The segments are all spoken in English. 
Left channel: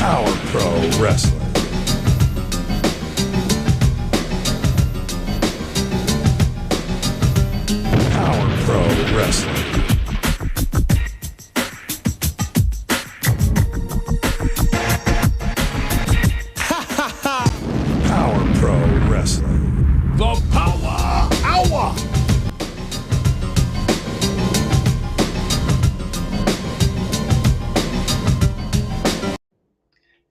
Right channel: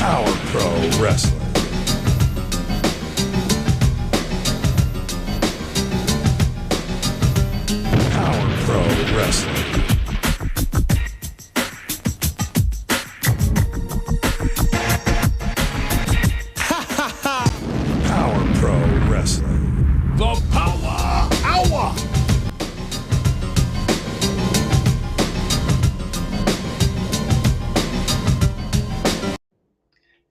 Power Pro Wrestling. Power Pro Wrestling. Power Pro Wrestling. The Powa, Howa.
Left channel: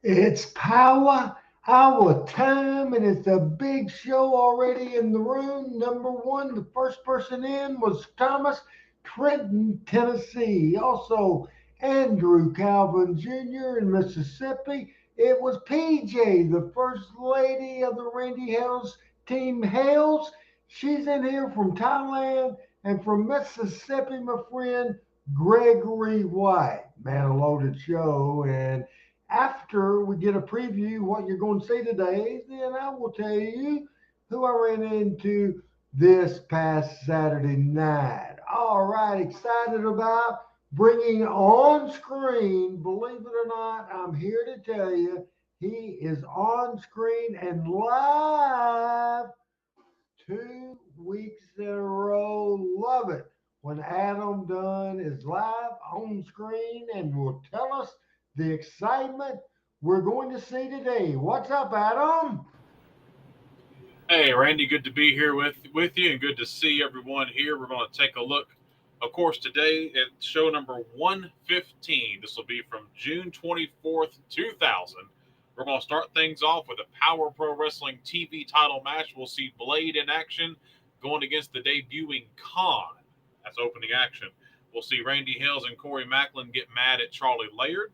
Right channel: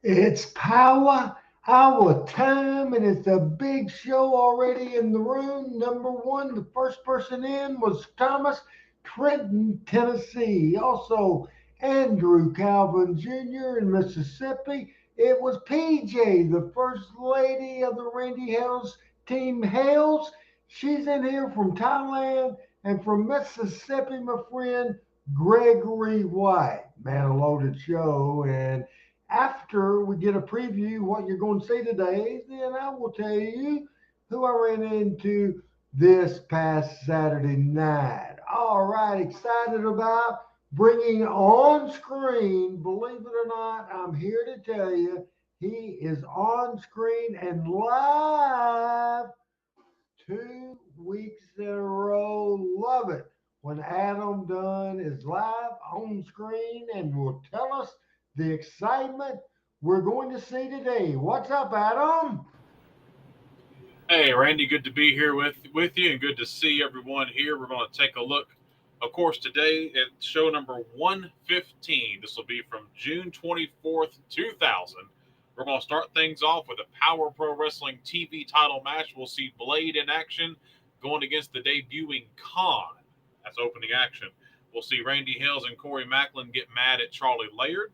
It's Power Hour time, and it's a big show already in the room. Number one, the first person in was Thomas, Trenton, Tennessee. Also, Andrew Calvin Jr. in Mississippi. It was PJ, the first lady of the Randy Hales team Hales. She's in here from Thailand, and from Mississippi, my friend Gregory White. Man, a loaded show. And after we get a preview what you're going to see today, then I will tell you who I ran into this past Saturday night. All right, excited about bringing on screen. Believe it or not, I'm here to tell you he is on screen and live 2 weeks in a row. Love it when Adam Dunn is live on screen and will tell us the excitement we're going to see today. What's up, Adam? Hey, Randy, good to be here with you and good to see everyone here. We're going to take a look, of course, today at show number 115. This will be from June 24th, 2000. We're going to start things off with a Power Pro Wrestling TV title match. We'll see Blade in action going against the debuting Khan. That's opening action. We'll see Randy Hales and Corey Macklin get mad at Charlie Laird.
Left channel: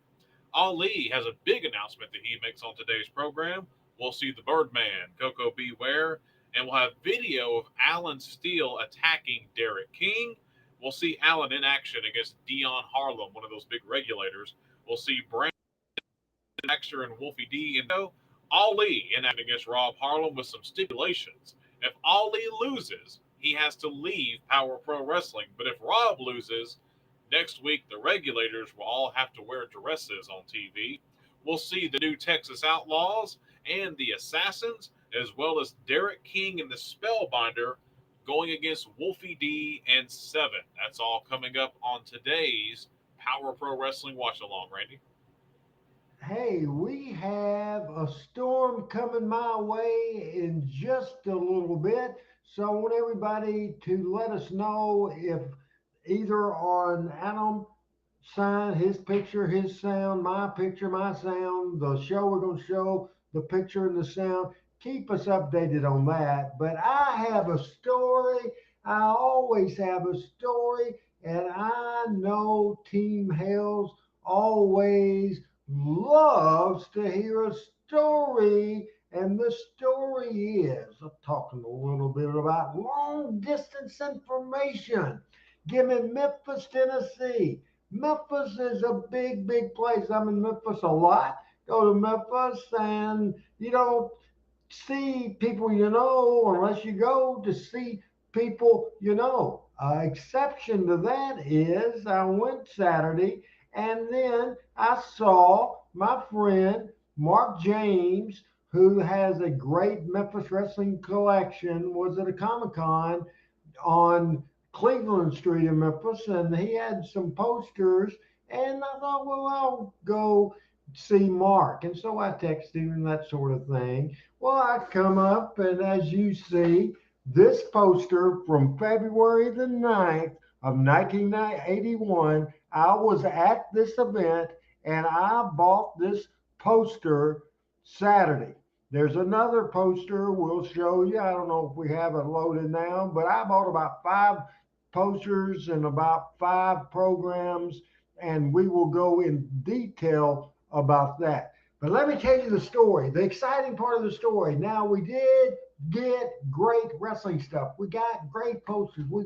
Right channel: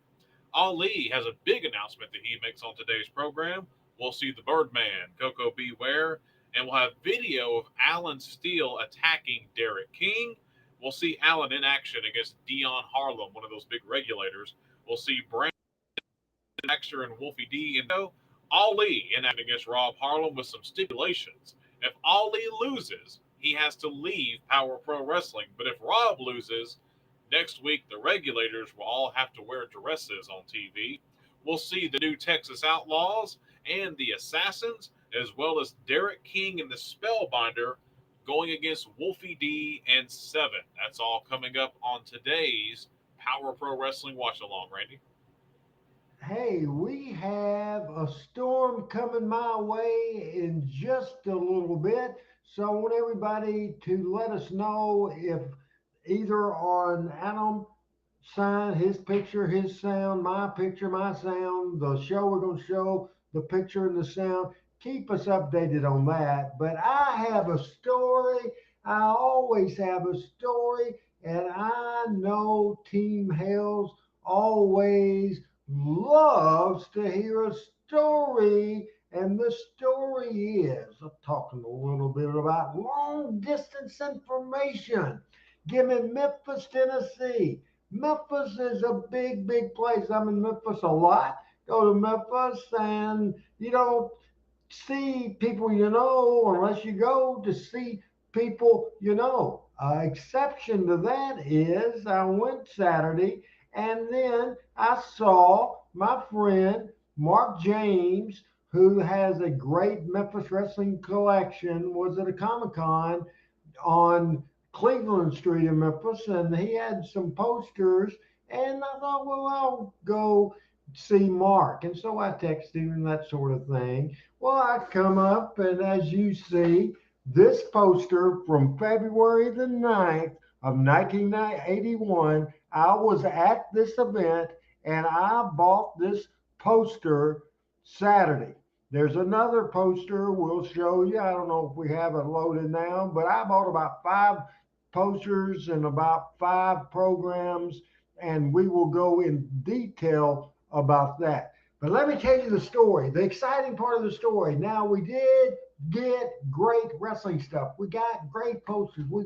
Ali has a big announcement that he makes on today's program. We'll see the Birdman, Coco Beware, and we'll have video of Alan Steele attacking Derrick King. We'll see Alan in action against Dion Harlem, one of those big regulators. We'll see Brandon Baxter and Wolfie D and Ali in action against Rob Harlem with some stipulations. If Ali loses, he has to leave Power Pro Wrestling. But if Rob loses, next week the regulators will all have to wear dresses on TV. We'll see the new Texas Outlaws and the Assassins, as well as Derrick King and the Spellbinder going against Wolfie D and Seven. That's all coming up on today's Power Pro Wrestling Watch Along, Randy. Hey, we have a storm coming my way in just a little bit. So I want everybody to let us know if either on Adam sign, his picture, his sound, my picture, my sound, the show we're going to show, the picture and the sound. Keep us updated on that. But I have a story. I always have a story. And I know Team Hales always loves to hear a story. And the story is, I'm talking a little bit about long distance information. Give me Memphis, Tennessee. Memphis is a big, big place. I'm in Memphis a lot. Go to Memphis and you don't see people you know unless you go to see people you know. Exception to that is I went Saturday and then I saw my friend Mark James, who has a great Memphis wrestling collection, was at a Comic-Con on Cleveland Street in Memphis, and he had some posters. And I thought, well, I'll go see Mark. And so I texted him and that sort of thing. Well, I come up, and as you see, this poster from February the 9th of 1981, I was at this event, and I bought this poster Saturday. There's another poster we'll show you. I don't know if we have it loaded now, but I bought about 5 posters and about 5 programs, and we will go in detail about that. But let me tell you the story, the exciting part of the story. Now, we did get great wrestling stuff. We got great posters. We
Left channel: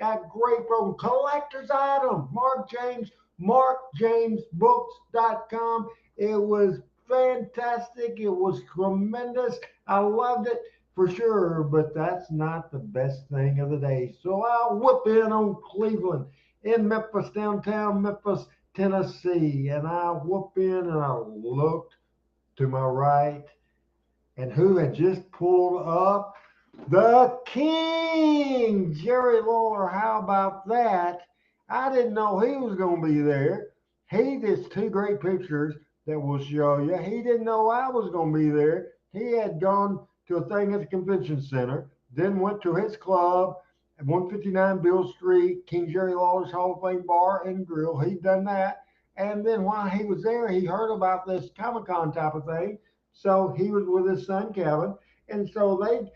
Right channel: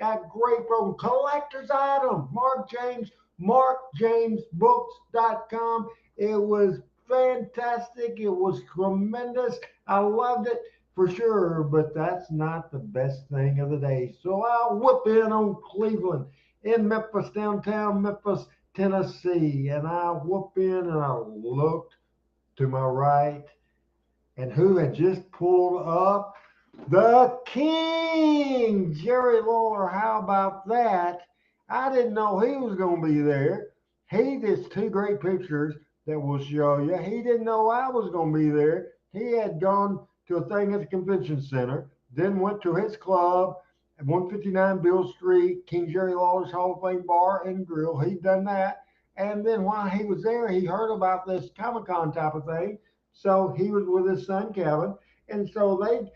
got great program, collector's item. Mark James, markjamesbooks.com. It was fantastic. It was tremendous. I loved it for sure, but that's not the best thing of the day. So I'll whip in on Cleveland in Memphis, downtown Memphis, Tennessee. And I whooped in and I looked to my right. And who had just pulled up? The King, Jerry Lawler. How about that? I didn't know he was going to be there. He did two great pictures that we'll show you. He didn't know I was going to be there. He had gone to a thing at the convention center, then went to his club at 159 Bill Street, King Jerry Lawler's Hall of Fame Bar and Grill. He'd done that. And then while he was there, he heard about this Comic Con type of thing. So he was with his son, Kevin. And so they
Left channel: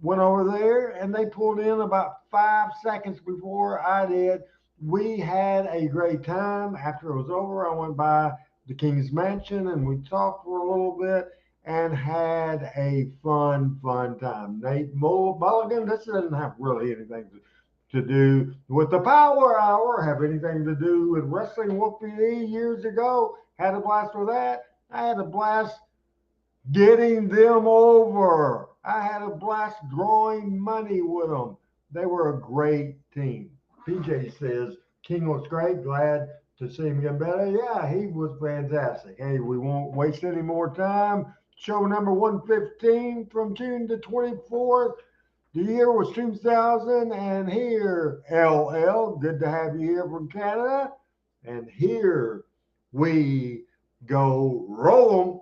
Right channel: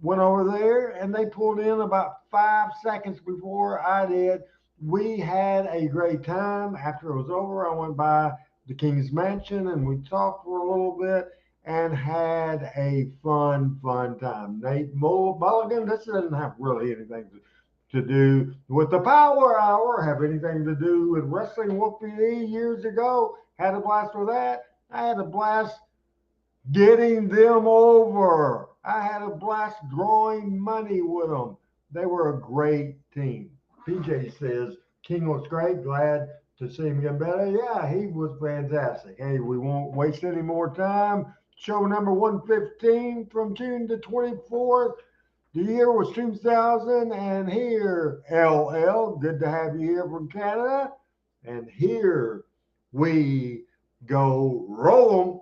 went over there and they pulled in about 5 seconds before I did. We had a great time. After it was over, I went by the King's Mansion and we talked for a little bit and had a fun time. Nate Mulligan, this doesn't have really anything to do with the Power Hour, have anything to do with wrestling Wolfie years ago. Had a blast with that. I had a blast getting them over. I had a blast drawing money with them. They were a great team. PJ says, King looks great. Glad to see him get better. Yeah, he was fantastic. Hey, we won't waste any more time. Show number 115 from June the 24th. The year was 2000. And here, LL, good to have you here from Canada. And here we go. Roll 'em.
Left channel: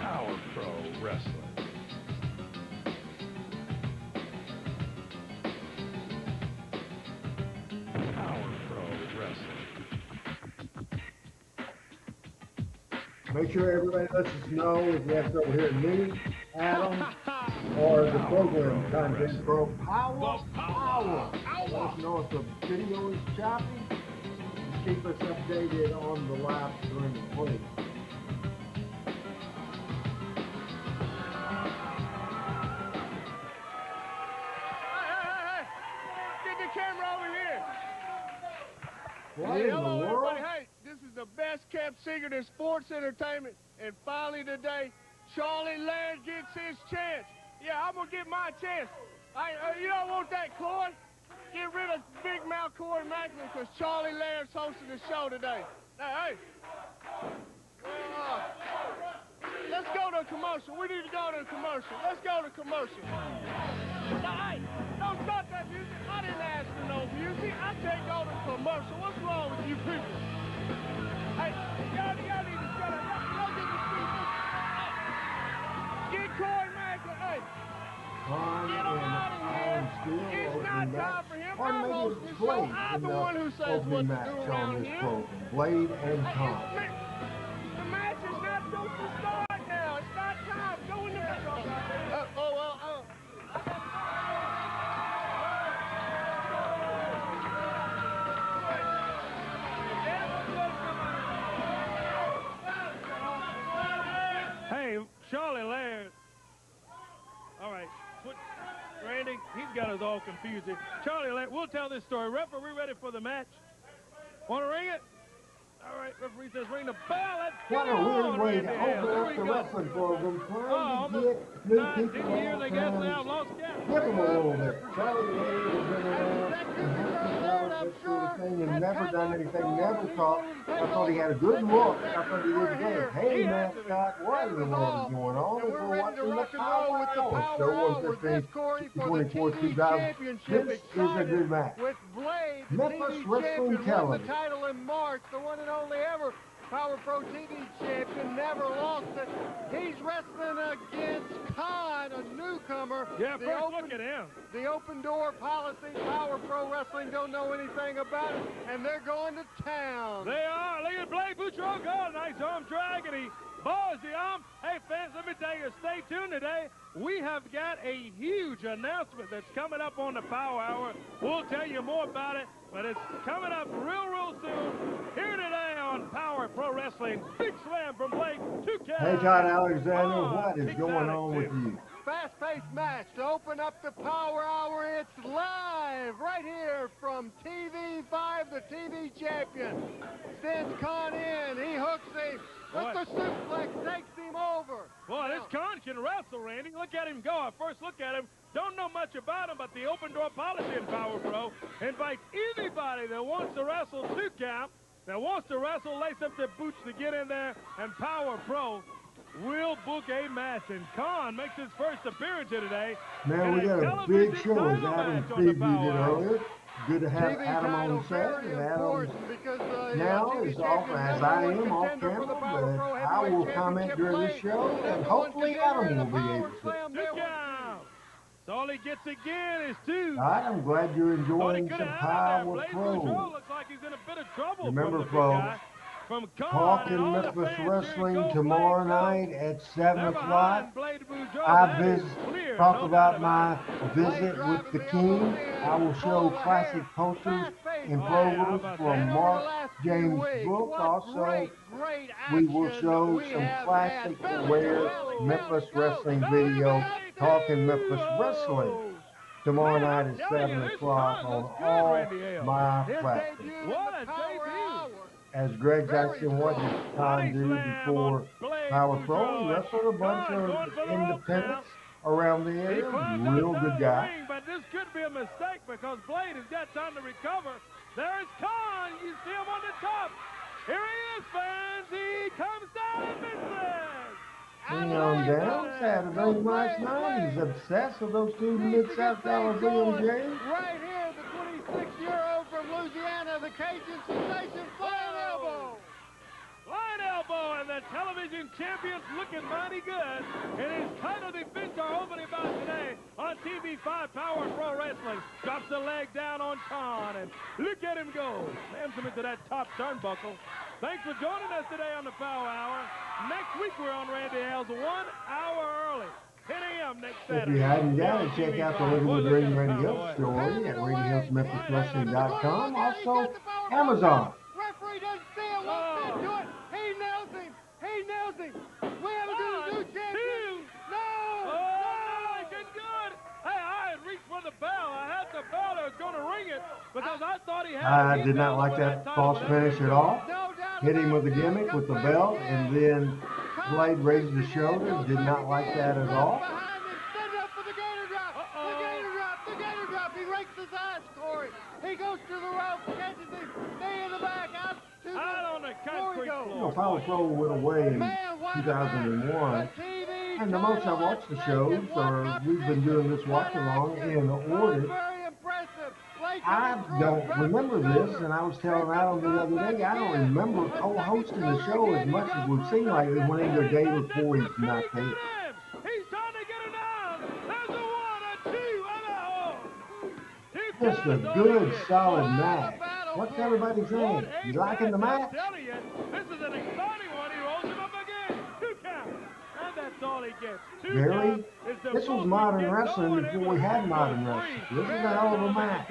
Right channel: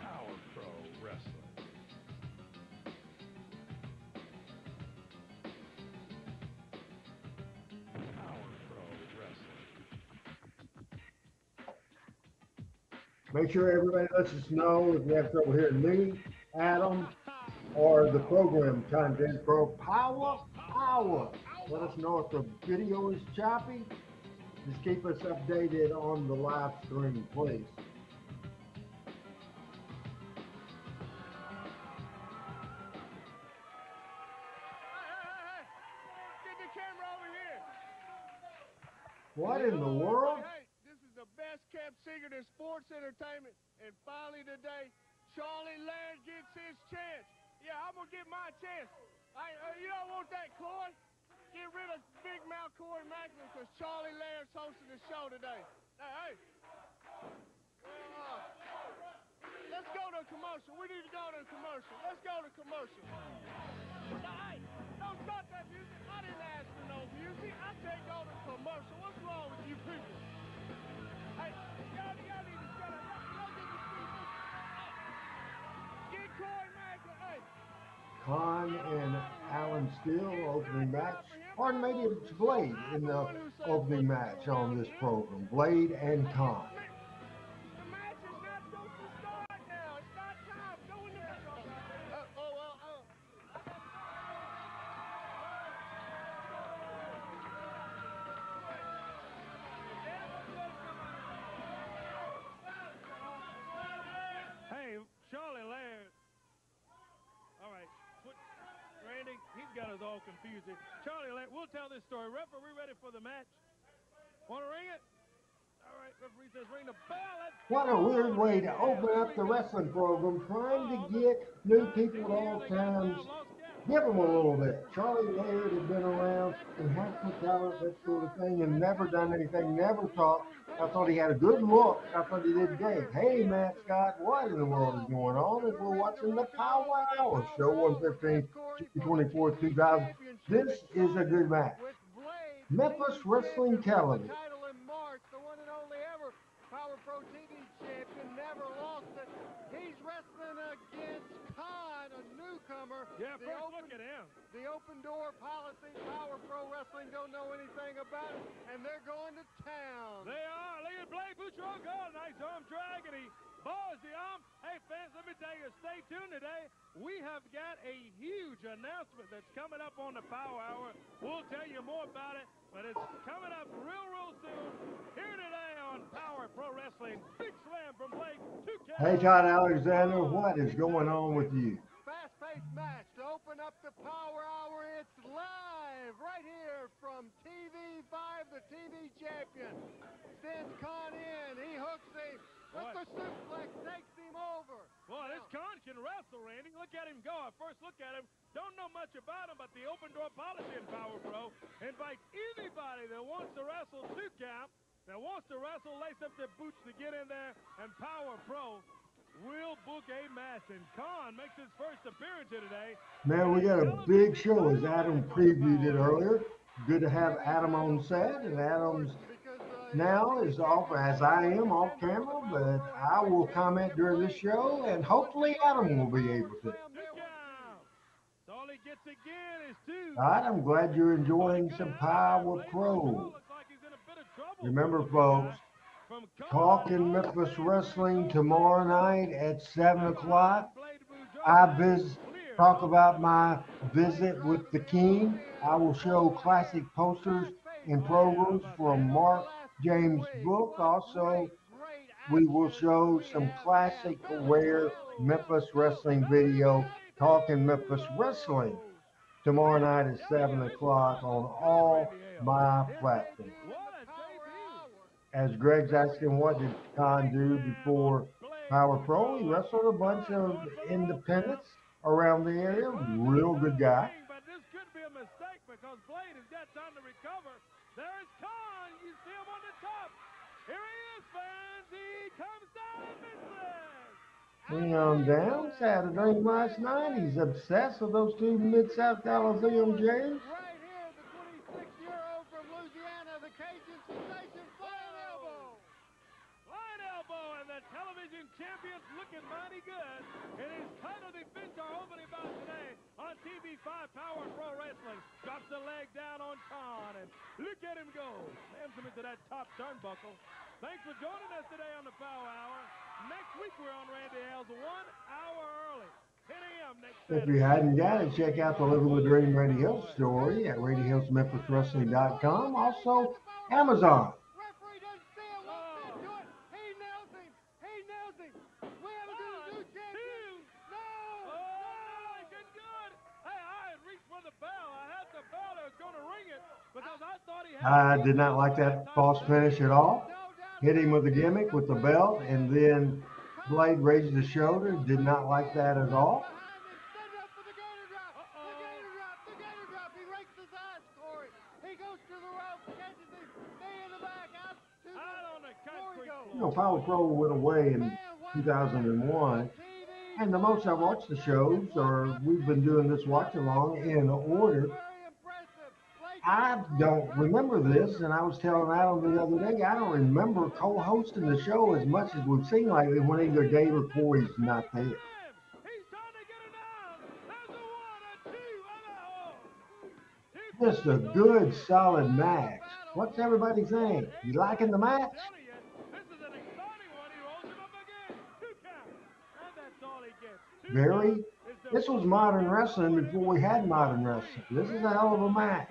Power Pro Wrestling. Power Pro Wrestling. Make sure everybody lets us know if you have trouble hearing me, Adam, or the program content pro Powa. Let us know if the video is choppy. Just keep us updated on the live stream, please. Get the camera over here. What in the world? Hey, this is the best kept secret in sports entertainment. And finally today, Charlie Laird gets his chance. Yeah, I'm going to get my chance. You don't want that, Corey? Get rid of Big Mouth Corey Macklin because Charlie Laird's hosting the show today. Hey. Let's go to commercial. We need to go to commercial. Let's go to commercial. Hey, don't stop that music. I didn't ask for no music. I said go to commercial. What's wrong with you people? Hey, y'all need to shut up. Y'all get this people. Get Corey Macklin. Hey. Khan and Alan Steele opening match. Or maybe it's Blade in the opening match on this program. Blade and Khan. The match is not supposed to start now. It's not time. Go in the match. Hey, Charlie Laird. All right. Randy, he's got us all confused here. Charlie Laird, we'll tell this story. Ref, are we ready for the match? Want to ring it? All right, referee says ring the bell. What a weird way to open up the wrestling program, trying to get new people all times. Give them a little bit. Charlie Laird has been around and has some talent, that sort of thing, and never done anything, never talked. I thought he had a good look. I thought he did great. Hey, Matt Scott, what in the world is going on? If we're watching the Power Hour Show 115, 24th, 2000. This is a good match. Memphis Wrestling Television. The one and only ever Power Pro TV champion, never lost it. He's wrestling against Khan, a newcomer. Yeah, look at him. The open door policy, Power Pro Wrestling don't know anything about it, and they're going to town. They are. Look at Blake Boutron go. Nice arm drag, and he balls the arm. Hey, fans, let me tell you, stay tuned today. We have got a huge announcement that's coming up on the Power Hour. We'll tell you more about it, but it's coming up real soon. Here today on Power Pro Wrestling. Big slam from Blake to Kevin. Hey, Todd Alexander, what is going on with you? Fast-paced match to open up the Power Hour. It's live right here from TV5, the TV champion. Sends Khan in. He hooks a Look, the suplex takes him over. Boy, this con can wrestle, Randy. Look at him go. At first look at him. Don't know much about him, but the open door policy in Power Pro invites anybody that wants to wrestle 2 count, that wants to wrestle, lace up their boots to get in there, and Power Pro will book a match. And Con makes his first appearance here today. Man, we got a big show, as Adam previewed it earlier. Good to have Adam on set, and Adam's now is off, as I am, off camera, but I will comment during the show, and hopefully Adam will be able to. All he gets again is 2. All right, I'm glad you're enjoying some Power Pro. Remember, folks, Talking Memphis Wrestling tomorrow night at 7 o'clock. I talk about my visit with the King. I will show classic posters and programs from Mark James' book. Also, we will show some classic rare Memphis wrestling video, Talking Memphis Wrestling, tomorrow night at 7 o'clock on all my platforms. As Greg's asking, what did Con do before Power Pro? He wrestled a bunch of independents around the area. Real good guy. But this could be a mistake because Blade has got time to recover. There is Con. You see him on the top. Here he is, fans. He comes down and misses. Hang on down. Had a drink last night. He's obsessed with those 2 Mid-South Coliseum Jays. Right here, the 26-year-old from Louisiana, the Cajun sensation, flying elbow. Flying elbow, and the television champion's looking mighty good. And his title defense are opening bout today on TV5 Power Pro Wrestling. Drops the leg down on Con, and look at him go. Slams him into that top turnbuckle. Thanks for joining us today on the Power Hour. Next week we're on Randy Hale's 1 hour early. 10 a.m. next Saturday. If you hadn't got it, check out the Living the Dream Randy Hill story at RandyHillsMemphisWrestling.com. Also, Amazon. Referee doesn't see it, won't sit to it. He nails him. He nails him. We have a new champion. No! Oh, good, good. Hey, I had reached for the bell. I had the bell. I was going to ring it because I thought he had. I did not like that false finish at all. Hit him with a gimmick with the belt, and then Blade raised the shoulder. Did not like that at all. He rakes his eyes, Corey. He goes to the rope, catches him, knee in the back, out on the concrete floor. You know, Power Pro went away in 2001, and the most I watched the shows, or we've been doing this watch along in order. I don't remember this, and I was telling Adam the other day, I don't remember co-hosting the show as much as we've seen lately when either Dave or Corey's not there. He's trying to get it down. There's a 1, a 2, and a Just a good, solid match. What's everybody saying? You liking the match? This is an exciting one. He rolls him up again. 2 count. And that's all he gets. Very. This was modern wrestling before we had modern wrestling. This is a hell of a match.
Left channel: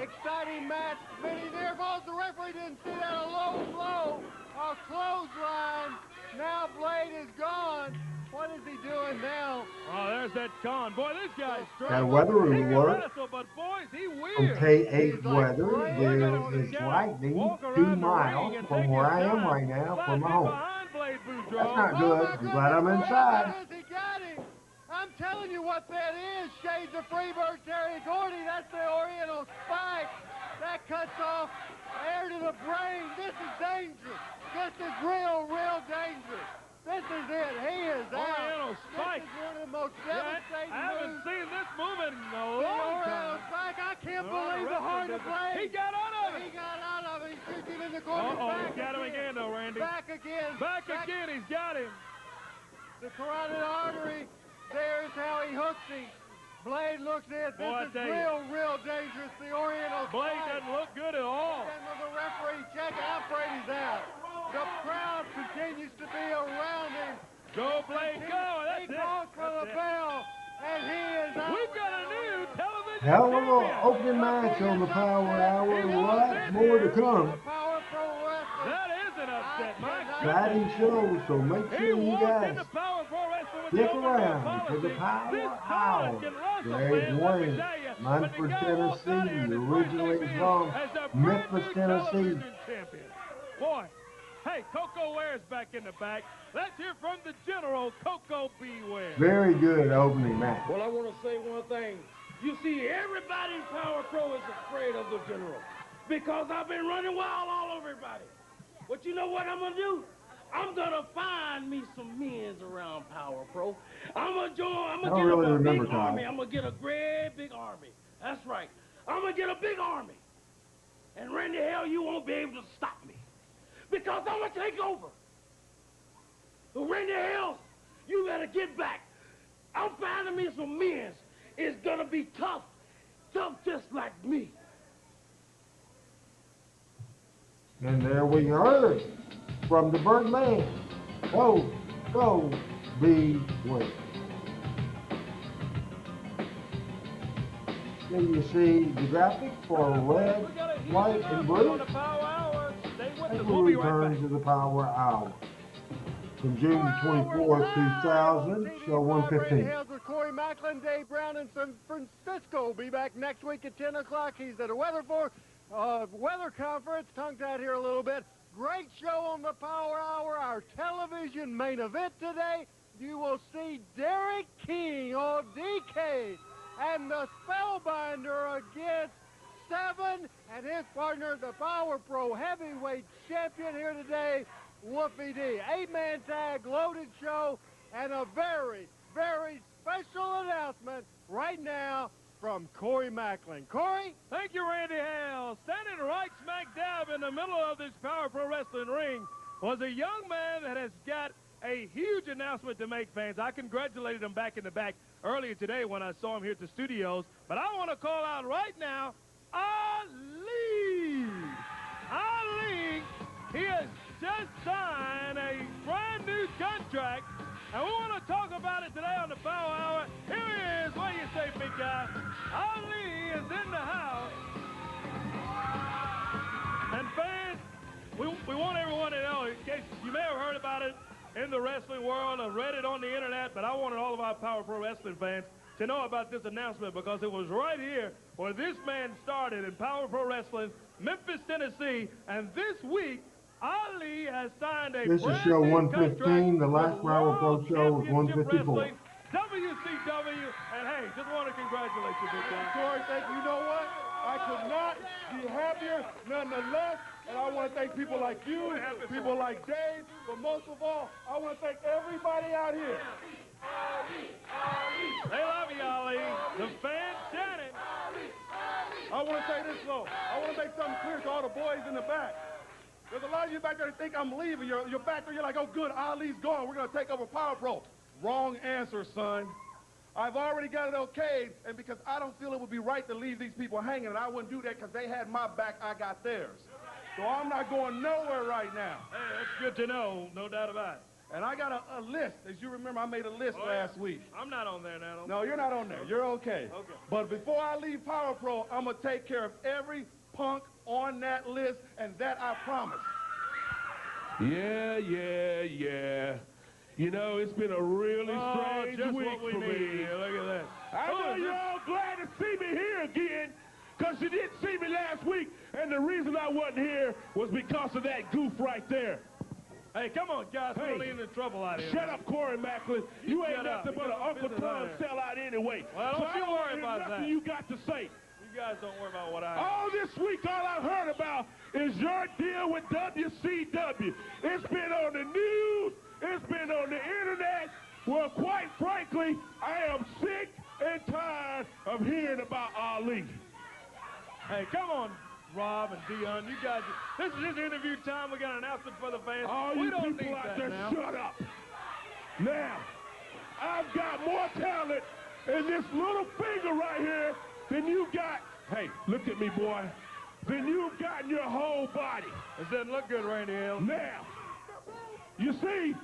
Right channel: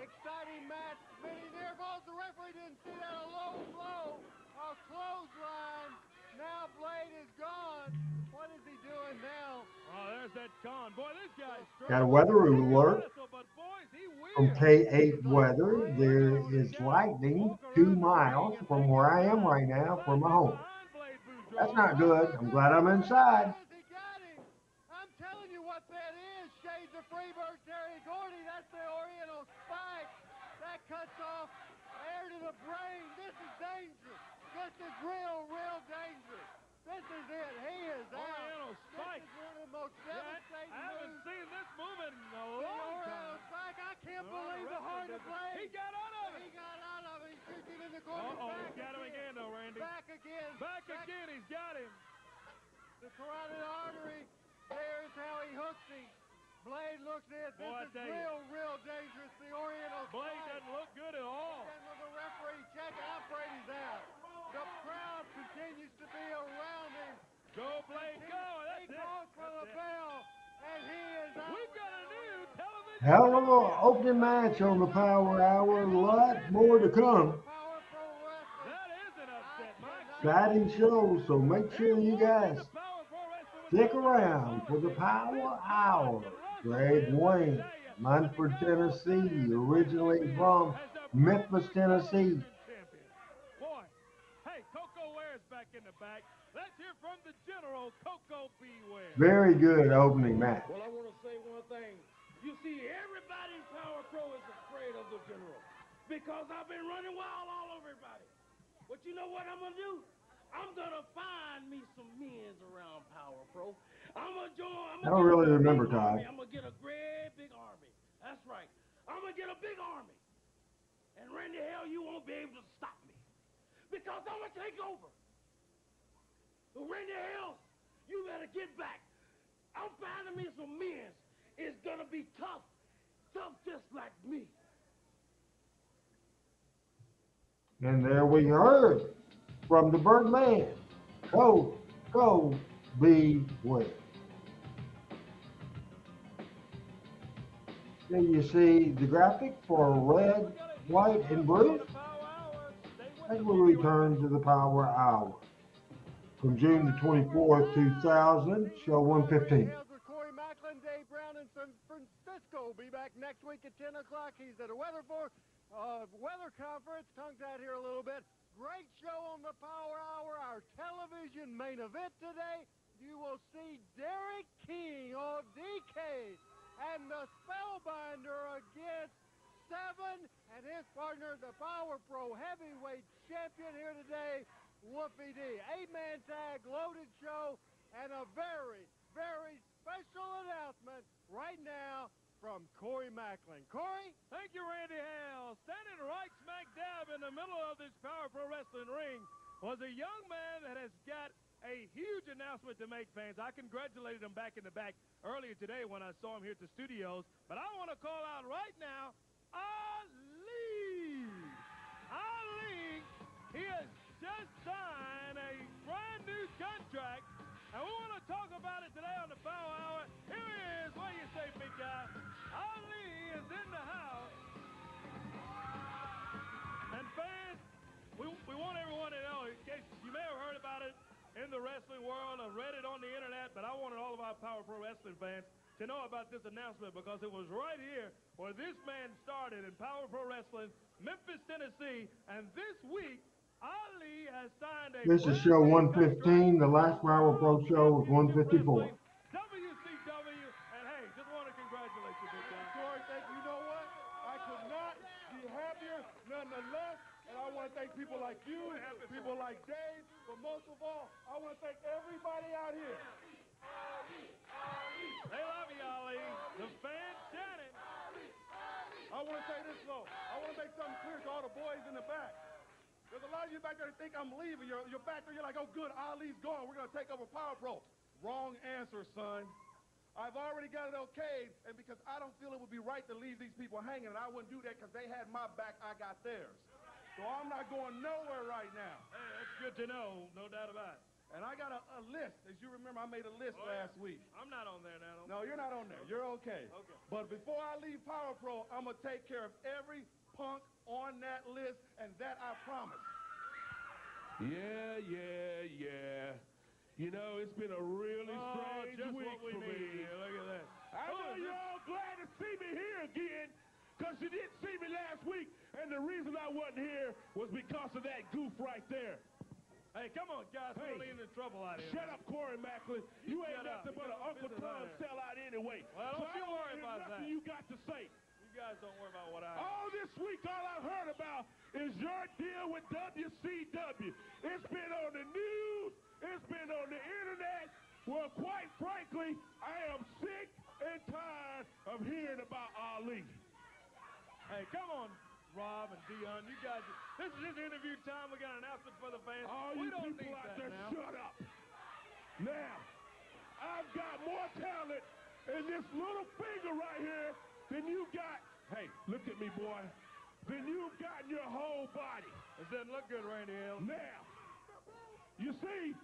Exciting match. Many near falls. The referee didn't see that. A low blow. A clothesline. Now Blade is gone. What is he doing now? Oh, there's that Con. Boy, this guy's strong. Got a weather alert from K8 Weather. There is lightning 2 miles from where I am right now from my home. That's not good. I'm glad I'm inside. He got him. I'm telling you what that is. Shades of Freebird, Terry Gordy. That's the Oriental Spike. That cuts off air to the brain. This is dangerous. This is real, real dangerous. This is it. He is Oriental out. Spike. This is one of the most devastating I haven't moves. seen this move in a long Oriental time. Spike. I can't believe the heart of Blade. He got out of it. He got out of it. He shoots him in the corner. He's got him again, though, Randy. Back again. Back again. He's got him. The carotid artery. There's how he hooks him. Blade looks in. This is real, real dangerous. The Oriental Blade Spike. doesn't look good at all. And the referee checking out. Brady's out. The crowd continues to be around him. Go, Blade, go. That's He calls for the bell, and he is out. We've got a new television. Hell of an opening match on the Power Hour. A lot more to come. Power Pro Wrestling. That is an upset, Mike. Exciting show, so make sure you guys stick around for the Power Hour. Greg Wayne, Munford, Tennessee, originally from Memphis, Tennessee. Boy, hey, Coco Ware's back in the back. Let's hear from the General, Coco Beware. Very good opening match. Well, I want to say one thing. You see, everybody in Power Pro is afraid of the General because I've been running wild all over everybody. But you know what I'm going to do? I'm going to find me some men's around Power Pro. I'm going to join. I don't really remember, Todd. I'm going to get a great big army. That's right. I'm going to get a big army. And Randy, hell, you won't be able to stop me because I'm going to take over. So Randy, hell, you better get back. I'm finding me some men's. It's going to be tough. Tough just like me. And there we heard from the Burnt Man, go, beware. Then you see the graphic for red, white, and blue. And we return to the Power Hour. From June the 24th, 2000, show 115. Corey Macklin, Dave Brown in San Francisco. Be back next week at 10 o'clock. He's at a weather conference. Tongue-tied here a little bit. Great show on the Power Hour. Our television main event today. You will see Derrick King on DK and the Spellbinder against Seven and his partner, the Power Pro Heavyweight Champion here today, Wolfie D. 8-man tag, loaded show, and a very, very special announcement right now from Corey Macklin. Corey? Thank you, Randy Hale. Standing right smack dab in the middle of this Power Pro Wrestling ring was a young man that has got a huge announcement to make, fans. I congratulated him back in the back earlier today when I saw him here at the studios, but I want to call out right now, Ali! Ali, he has just signed a brand new contract, and we want to talk about it today on the Power Hour. Here he is. What do you say, big guy? Ali is in the house. And fans, we want everyone to know, in case you may have heard about it in the wrestling world or read it on the internet, but I wanted all of our Power Pro Wrestling fans to know about this announcement because it was right here where this man started in Power Pro Wrestling, Memphis, Tennessee, and this week, Ali has signed a This is show 115. The last Power Pro show was 154. WCW, and hey, just want to congratulate you, big guy. Corey, thank you. You know what? I could not be happier, nonetheless. And I want to thank people like you, people like Dave, but most of all, I want to thank everybody out here. They love you, Ali. The fans chanting. I want to say this, though. I want to make something clear to all the boys in the back. There's a lot of you back there that think I'm leaving. You're back there, you're like, oh, good, Ali's gone. We're going to take over Power Pro. Wrong answer, son. I've already got it okayed, and because I don't feel it would be right to leave these people hanging, and I wouldn't do that because they had my back, I got theirs. So I'm not going nowhere right now. Hey, that's good to know, no doubt about it. And I got a list. As you remember, I made a list last week. I'm not on there now. No, you're not on there. You're okay. But before I leave Power Pro, I'm going to take care of every punk on that list, and that I promise. Yeah. You know, it's been a really strange just week what we for need. me. Look at that. I know you're all glad to see me here again, because you didn't see me last week, and the reason I wasn't here was because of that goof right there. Hey, come on, guys. We're only in the trouble out here. Shut up, Corey Macklin. You ain't nothing but an Uncle Tom sellout anyway. Well, don't you worry about that. Nothing you got to say. You guys don't worry about what I All this week, all I've heard about is your deal with WCW. It's been on the news. It's been on the internet. Well, quite frankly, I am sick and tired of hearing about Ali. Hey, come on, Rob and Dion. You guys, this is interview time. We got an announcement for the fans. All we you don't people need out that there, now. shut up. Now, I've got more talent in this little finger right here than you got. Hey, look at me, boy. Than you've got in your whole body. It doesn't look good, Randy Hill. Now, you see,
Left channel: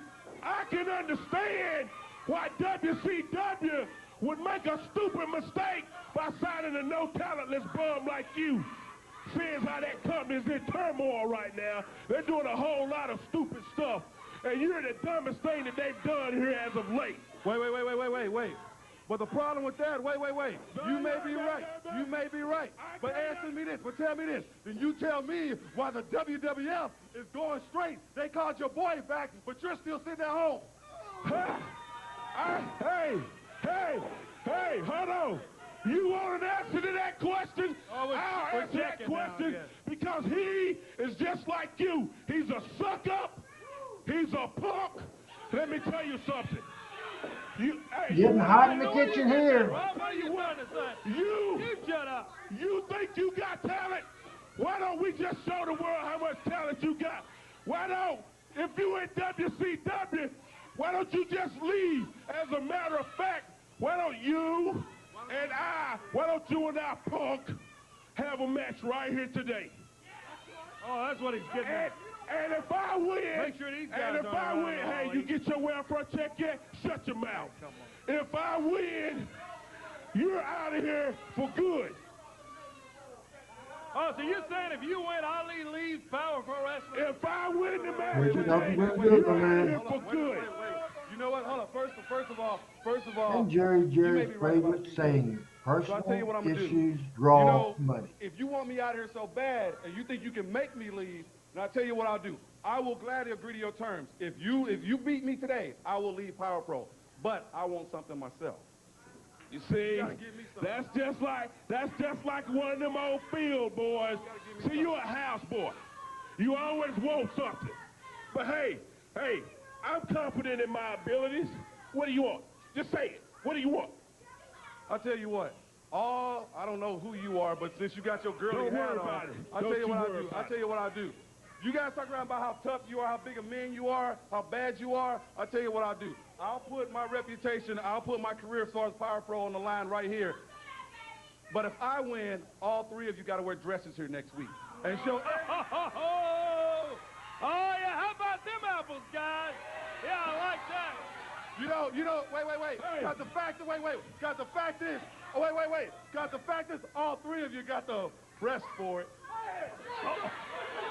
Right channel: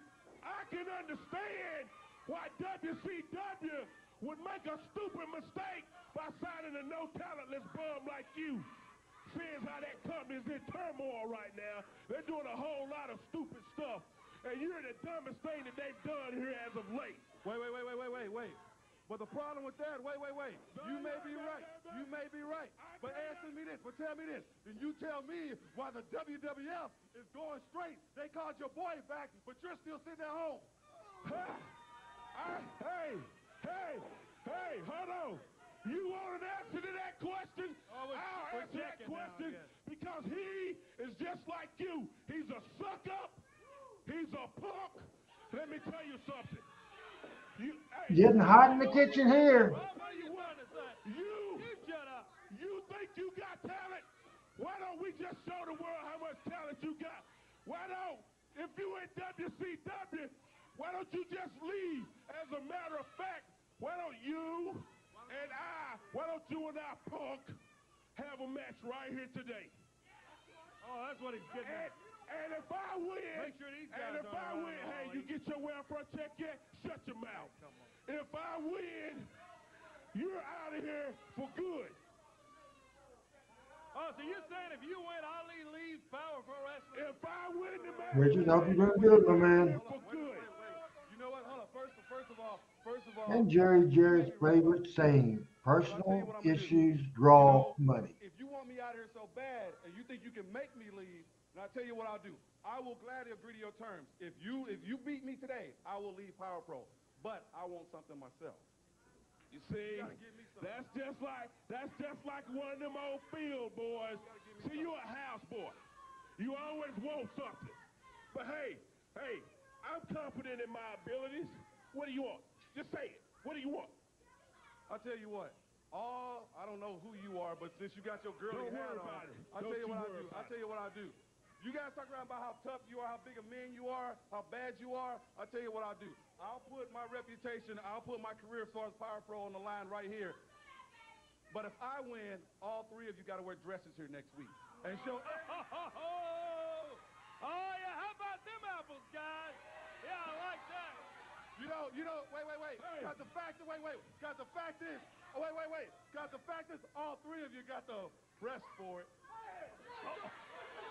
I can understand why WCW would make a stupid mistake by signing a no-talentless bum like you. Seeing how that company's in turmoil right now, they're doing a whole lot of stupid stuff, and you're the dumbest thing that they've done here as of late. Wait. But the problem with that, wait. You may be right. You may be right. But answer me this, but tell me this. Then you tell me why the WWF is going straight. They called your boy back, but you're still sitting at home. Hey, hold on. You want an answer to that question? I'll answer that question because he is just like you. He's a suck-up. He's a punk. Let me tell you something. Getting hot in the kitchen here. You shut up. You think you got talent? Why don't we just show the world how much talent you got? Why don't, if you in WCW, why don't you just leave? As a matter of fact, why don't you and Punk have a match right here today? Oh, that's what he's getting at. And if I win, make sure these guys hey, you get your welfare check yet? Shut your mouth. If I win, you're out of here for good. Oh, so you're saying if you win, Ali leaves Power Pro Wrestling? If I win the match, Richard, hope you're doing good, my man. For good. You know what? Hold on. First of all. And Jerry's favorite saying, personal issues draw money. If you want me out here so bad and you think you can make me leave, then I'll tell you what I'll do. I will gladly agree to your terms. If you beat me today, I will leave Power Pro. But I want something myself. You see, that's just like one of them old field boys. See, you're a house boy. You always want something. But hey, I'm confident in my abilities. What do you want? Just say it. What do you want? I'll tell you what. I don't know who you are, but since you got your girly hat on, I'll tell you what I'll do. You guys talk around about how tough you are, how big a man you are, how bad you are. I'll tell you what I'll do. I'll put my reputation, I'll put my career as far as Power Pro on the line right here. But if I win, all three of you got to wear dresses here next week. And show. Oh, yeah, how about them apples, guys? Yeah, I like that. You know, wait. Hey. Got the fact is, all three of you got the breast for it.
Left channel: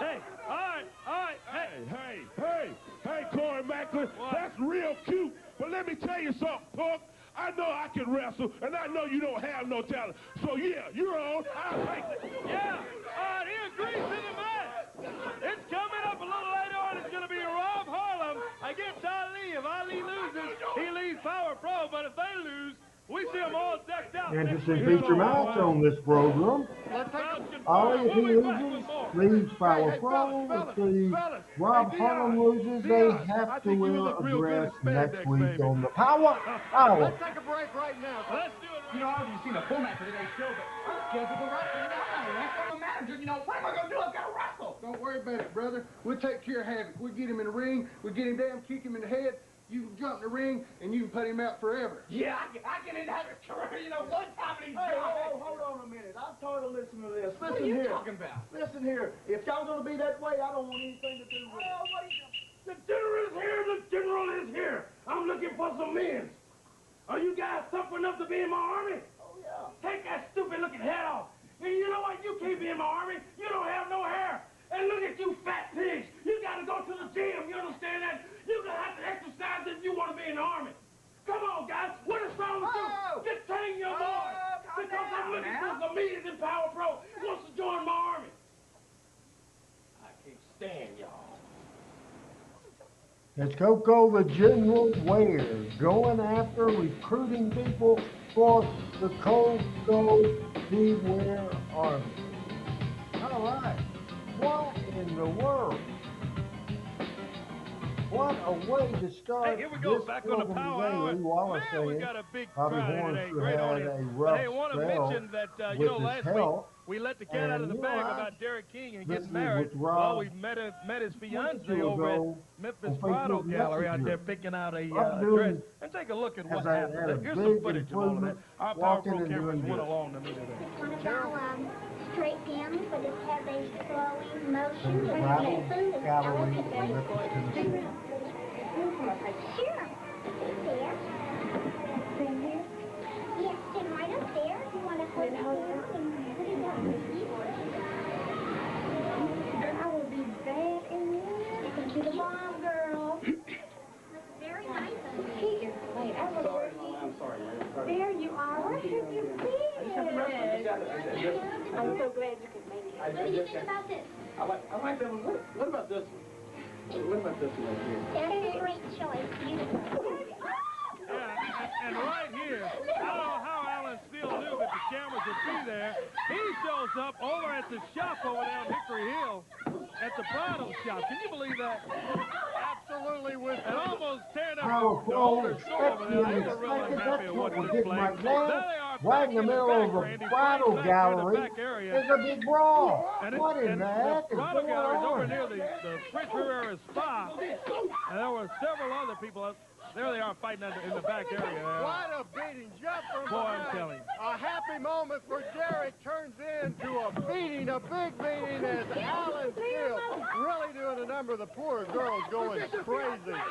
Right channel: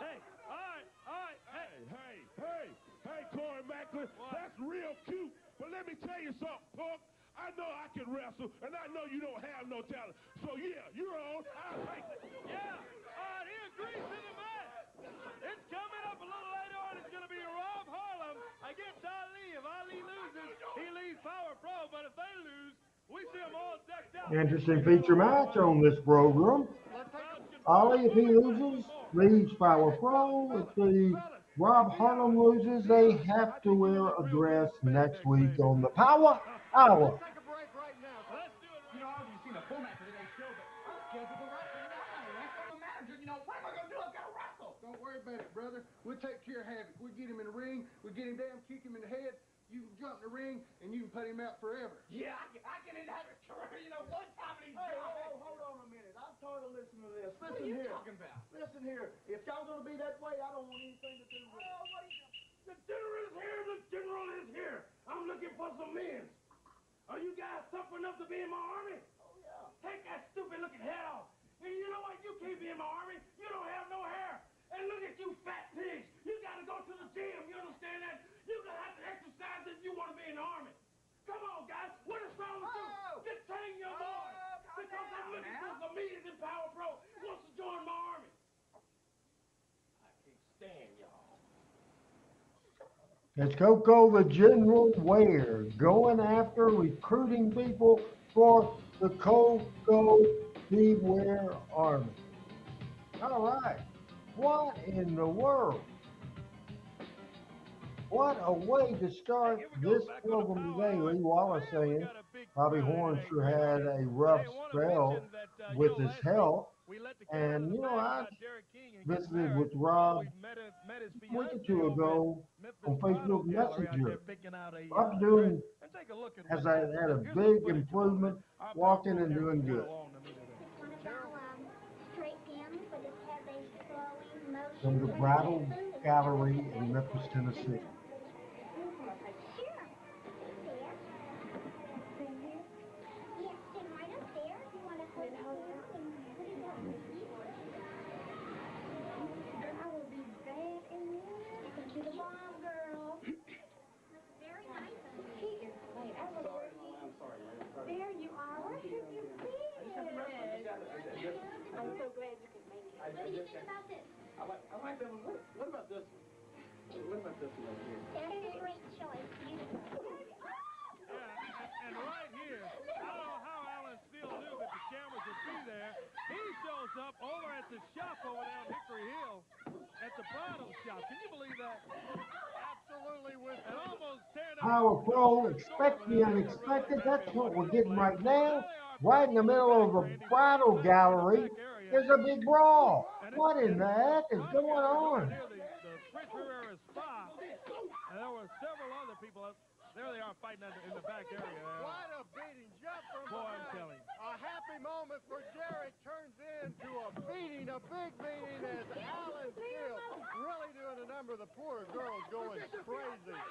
Hey, all right. Hey, Corey Macklin, that's real cute. But let me tell you something, Punk. I know I can wrestle, and I know you don't have no talent. So, yeah, you're on. I'll take it. Yeah, he agrees to the match. It's coming up a little later on. It's going to be Rob Harlem against Ali. If Ali loses, he leaves Power Pro. But if they lose, we see them all decked out. Interesting feature match on this program. Ali, if he loses, leaves Power Pro. If Rob Harlem loses, they have to wear a dress next week on the Power Hour. Let's take a break right now. Let's do it. You know, I've already seen the format for today's show, but I'm scheduled to wrestle now. I'm a manager, you know, what am I going to do? I've got to wrestle. Don't worry about it, brother. We'll take care of Havoc. We'll get him in the ring. We'll get him down, kick him in the head. You can jump in the ring, and you can put him out forever. Yeah, I can have a career, you know, one time and he's gone. Hold on a minute. I'm tired of listening to this. What are you talking about? Listen here. If y'all gonna be that way, I don't want anything to do with it. The general is here. The general is here. I'm looking for some men. Are you guys tough enough to be in my army? Oh yeah. Take that stupid looking head off. And you know what? You can't be in my army. You don't have no hair. And look at you fat pigs. You got to go to the gym. You understand that? You're going to have to exercise if you want to be in the army. Come on, guys. What is wrong with you? Just train your boy. Because I'm looking for some meetings in Power Pro. He wants to join my army. I can't stand y'all. It's Coco the General Ware going after recruiting people for the Coco T. Ware Army. All right. What in the world? What a way to start this program today. Lee Wallace saying Bobby Horn sure had a rough spell with his health. And, you know, I visited with Rob a week or two ago on Facebook Messenger. Rob doing has had a big improvement, walking and doing good. From the Gravel Gallery in Memphis, Tennessee. Very I'm so glad you could make it. What do you think about this? I like that one. What about this one? What about this one right here? That's a great choice. Beautiful. Yeah, and right here, I don't know how Alan Steele knew that the cameras would be there. He shows up over at the shop over there on Hickory Hill at the Prado shop. Can you believe that? Absolutely, with And almost tearing up Power Pro, expect the unexpected. That's what we're getting right now. Right in the middle of a bridal gallery, there's a big brawl. What in the heck is going on? Near the Fritz Rivera Spa, and there were several other people. There they are fighting in the back area. What a beating, just from Boy, I'm behind. telling you. A happy moment for Derrick turns into a beating, a big beating, as Alan Steele really doing a number. The poor girl's going crazy.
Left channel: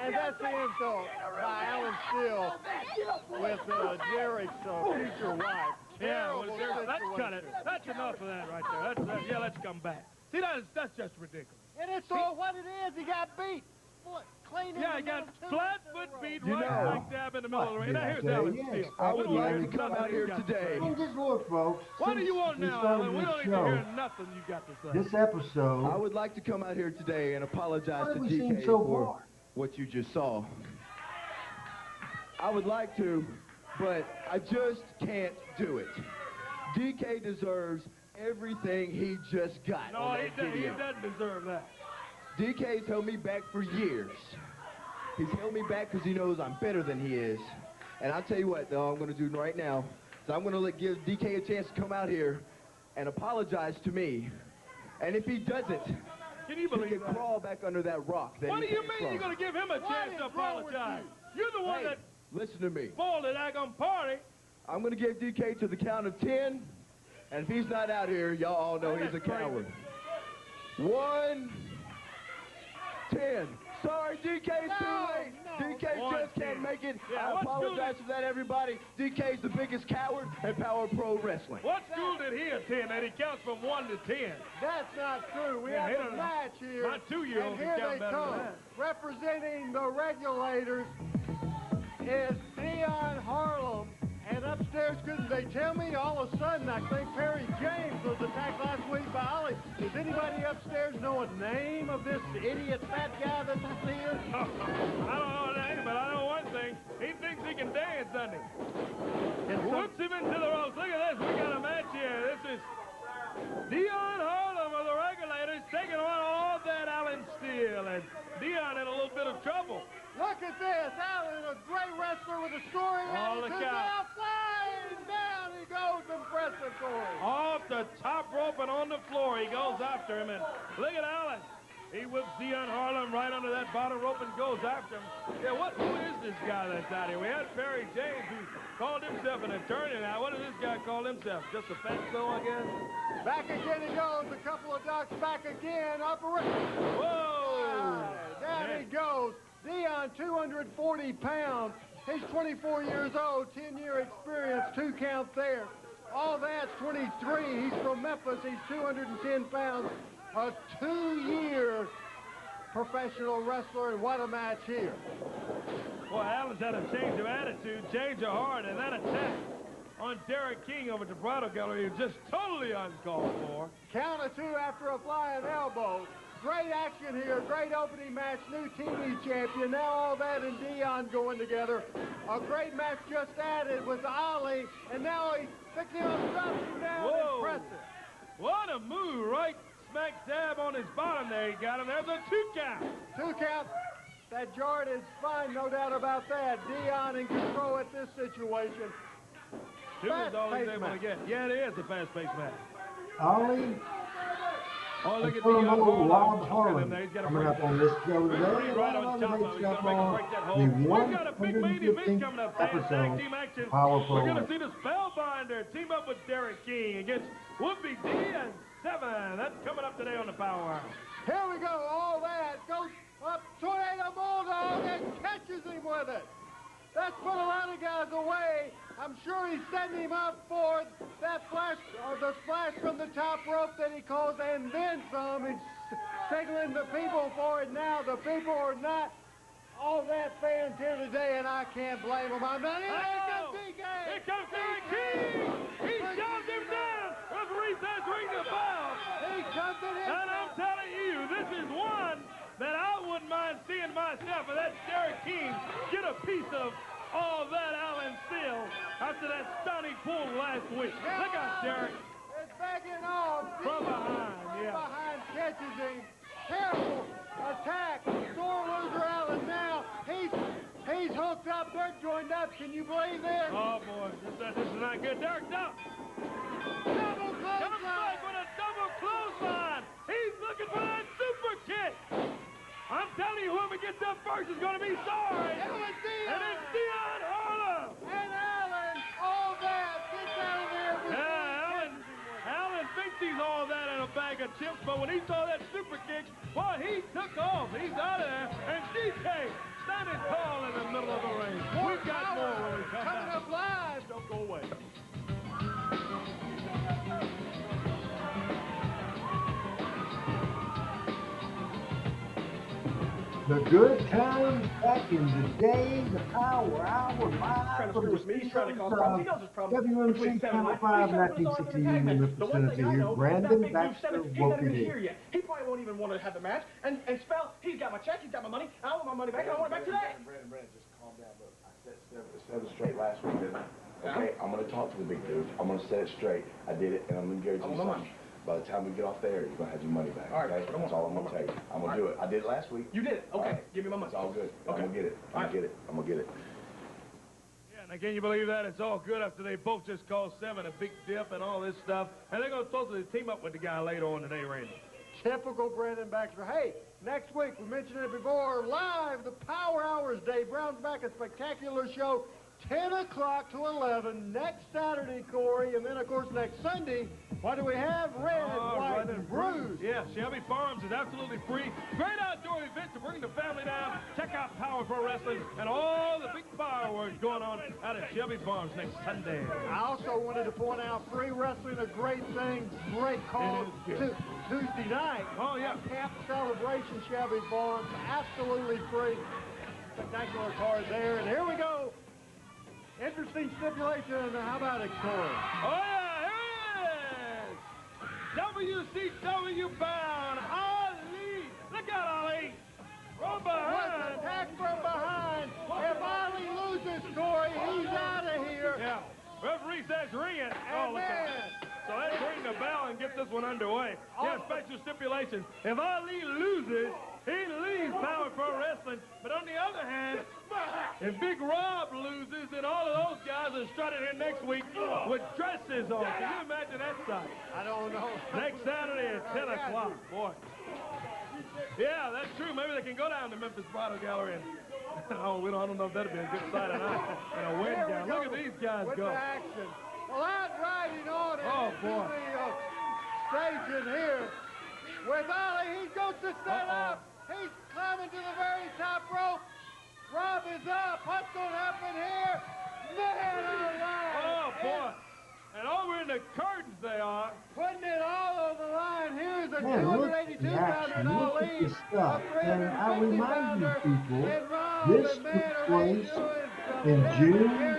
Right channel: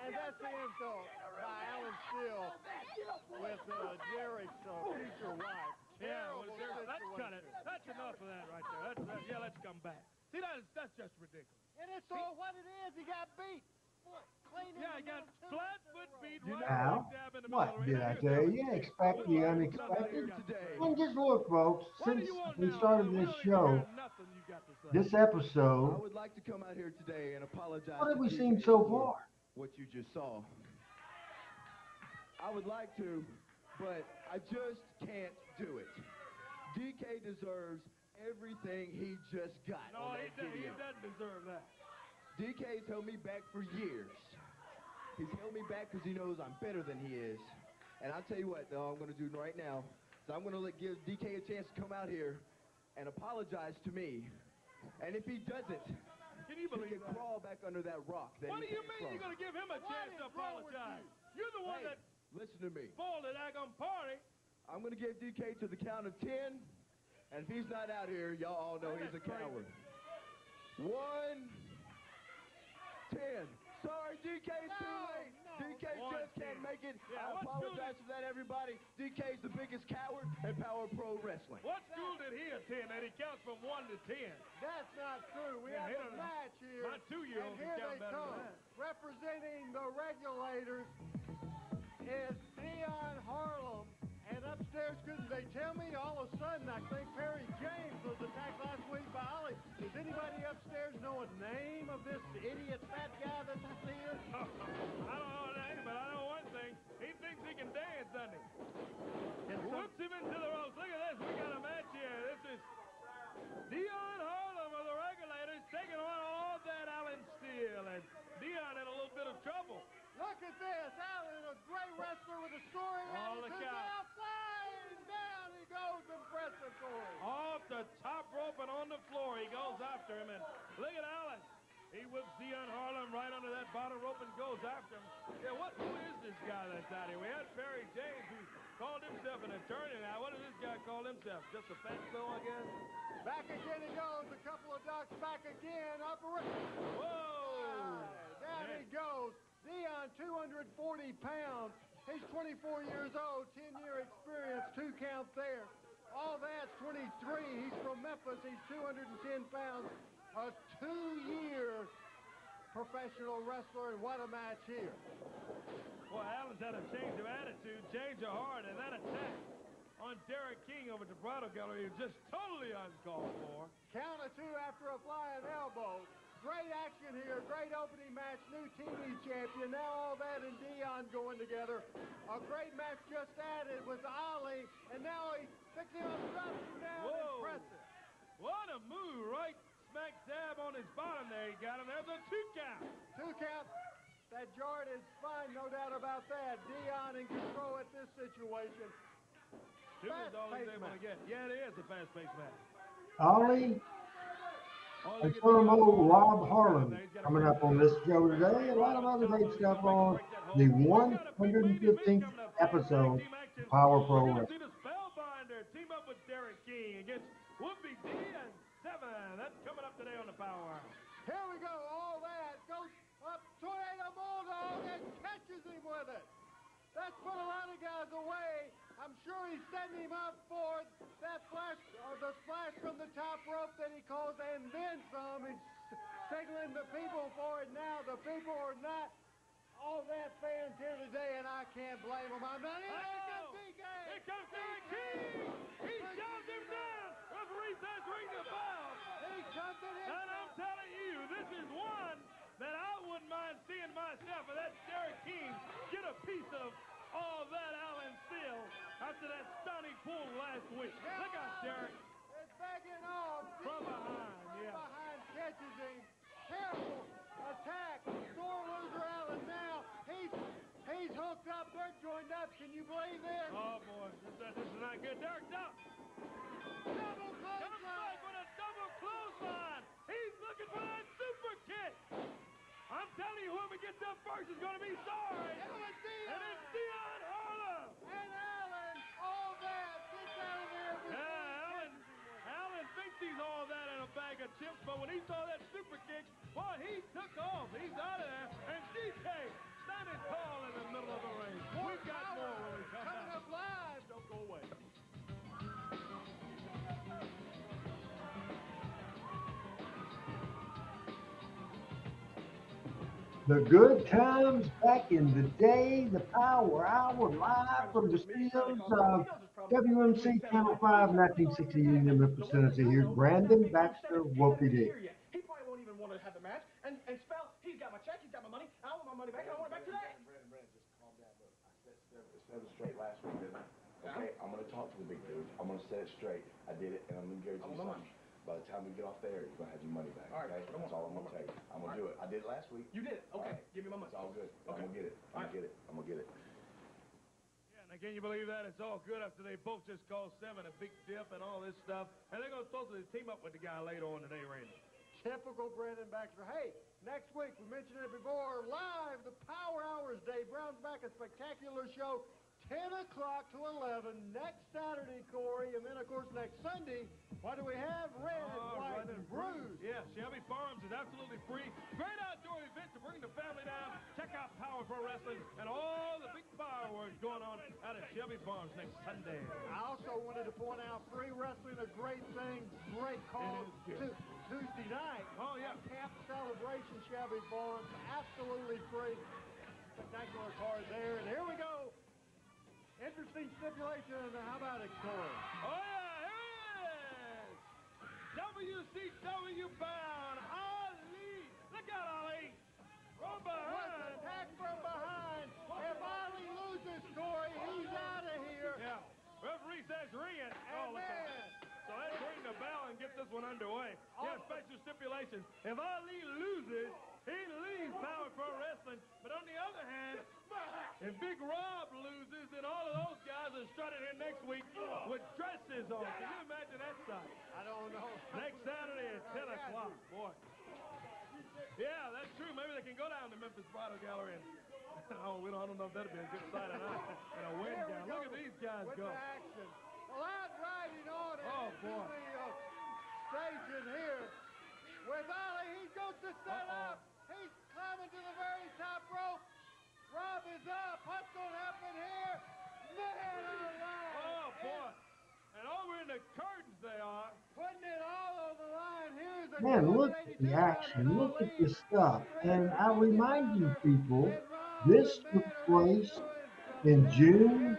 And that's the insult by Alan Steele with Derrick's future wife. Yeah, well, let's cut it. That's enough of that right there. Yeah, let's come back. See, that's just ridiculous. And it's all what it is. He got beat. Yeah, he got flat-foot beat right Now, dab in the middle of what the did ring. I tell you? Expect the unexpected. And just look, folks, since we started this show, this episode, I would like to come out here today and apologize what have to we DK seen so for far? what you just saw. I would like to, but I just can't do it. DK deserves everything he just got. No, on he that video. doesn't deserve that. DK's held me back for years. He's held me back because he knows I'm better than he is. And I'll tell you what, though, I'm going to do right now is I'm going to give DK a chance to come out here and apologize to me. And if he doesn't, can you believe he can crawl back under that rock. That what do he you came mean from. you're going to give him a chance to apologize? You're the one that listen to me. spoiled it on party. I'm going to give DK to the count of 10. And if he's not out here, y'all all know he's a coward. 1, 10. Sorry, DK's too late. DK just can't make it. I apologize for that, everybody. DK's the biggest coward in Power Pro Wrestling. What school did he attend that he counts from 1 to 10? That's not true. We have a match here. My 2-year-old and here they come. Representing the regulators is Dion Harlem. And upstairs, couldn't they tell me? All of a sudden, I think Perry James was attacked last week by Ollie. Does anybody upstairs know a name of this idiot fat guy that's up here? I don't know a name, but I know one thing. He thinks he can dance, doesn't he? And whoops him into the ropes. Look at this. We got a match here. This is Dion Harlem of the regulators taking on all that Alan Steele. And Dion in a little bit of trouble. Look at this. Alan, a great wrestler with a story. Oh, look out. Flying down he goes. Impressive for him. Off the top rope and on the floor. He goes after him. And look at Alan. He whips Dion Harlem right under that bottom rope and goes after him. Yeah, who is this guy that's out here? We had Perry James, who called himself an attorney. Now, what does this guy call himself? Just a fatso, I guess? Back again he goes. A couple of ducks back again. Operation. Whoa! There he goes. Dion, 240 pounds. He's 24 years old, 10-year experience, 2 count there. All that's 23. He's from Memphis. He's 210 pounds. A 2-year professional wrestler, and what a match here. Boy, Alan's had a change of attitude, change of heart, and that attack on Derrick King over at the Bridal Gallery is just totally uncalled for. Count of 2 after a flying elbow. Great action here, great opening match, new TV champion. Now all that and Dion going together. A great match just added with Ollie, and now he's picking up something down. Whoa. Impressive. What a move, right smack dab on his bottom there. He got him. There's a 2 count. 2 count. That Jordan's fine, no doubt about that. Dion in control at this situation. 2 is all he's able to get. Yeah, it is a fast-paced match. Ollie and Furmo Rob Harlan coming up on this show today. A lot of other great stuff on the 115th episode of Power Pro Wrestling. See the Spellbinder team up with Derrick King against Wolfie D and 7. That's coming up today on the Power Hour. Here we go. All that goes up. Tornado Bulldog and catches him with it. That's put a lot of guys away. I'm sure he's setting him up for that flash, or the splash from the top rope that he calls, and then some. He's signaling the people for it now. The people are not all that fans here today, and I can't blame them. I'm not. Here comes DK. Here comes Derrick King. He shoved a piece of all that Allen Seal after that stunning pull last week. Look out, Derrick. It's backing off. From behind, yeah. Behind catches him. Careful attack. Sore loser Allen now. He's hooked up. They're joined up. Can you believe this? Oh, boy. This is not good. Derrick, no. Double Comes clothesline. back with a double clothesline. He's looking for that super kick. I'm telling you, whoever gets up first is going to be sorry. And it's Dion Harlow. And Allen, all that. Get down there. Allen thinks he's all that in a bag of chips, but when he saw that super kick, well, he took off. He's out of there. And DK standing tall in the middle of the ring. We've got more when we come Coming back. up live. Don't go away. The good times back in the day, the Power Hour, live from the studios of WMC Channel 5, 1960 Union, Memphis, Tennessee. Here's Brandon Baxter, Wolfie D. He probably won't even want to have the match. And Spell, he's got my check, he's got my money. I want my money back, and I want it back today. Brandon, just calm down. Look, I set it straight last week, didn't I? Okay, I'm going to talk to the big dude. I'm going to set it straight. I did it, and I'm going to guarantee you something. By the time we get off there, you're going to have your money back. All right, okay? That's all I'm going to tell you. I'm going to do it. I did it last week. You did it. Okay, Right. give me my money. It's all good. Okay. I'm going to get it. I'm going to get it. I'm going to get it. Yeah, now can you believe that? It's all good after they both just called Seven a big dip and all this stuff. And they're going to supposedly team up with the guy later on today, Randy. Typical Brandon Baxter. Hey, next week, we mentioned it before, live, the Power Hours Day. Brown's back, a spectacular show, 10 o'clock to 11, next Saturday, Corey, and then, of course, next Sunday, what do we have? Red, white, and bruised. Yeah, Shelby Farms is absolutely free. Great outdoor event to bring the family down. Check out Power Pro Wrestling and all the big fireworks going on out at Shelby Farms next Sunday. I also wanted to point out free wrestling, a great thing, great call Tuesday night. Oh, yeah. Camp Celebration, Shelby Farms, absolutely free. Spectacular card there, and here we go. Interesting stipulation. How about it, Corey? Oh, yeah, here it is. WCW bound Ali. Look out, Ali. From behind. Attack from behind. If Ali loses, Corey, he's out of here. Yeah. Referee says ring it. Oh, look at that. So let's ring the bell and get this one underway. Yeah, special stipulation. If Ali loses, he leaves Power Pro Wrestling. But on the other hand, if Big Rob loses, then all of those guys are strutting here next week with dresses on. Can you imagine that sight? I don't know. Next Saturday at 10 o'clock. Boy. Yeah, that's true. Maybe they can go down to Memphis Bridal Gallery and I don't know if that'd be a good sight or not. In a wind gown. Look at these guys with go. The action. Well, that's riding on it. Oh, boy. The stage in here. With Ali, he goes to set up. He's climbing to the very top rope. Rob is up. What's going to happen here? Man alive. Oh, boy. And over in the curtains they are. Putting it all on the line. Here's a Man, look at the action. Look at this stuff. And I remind you people, this took place in June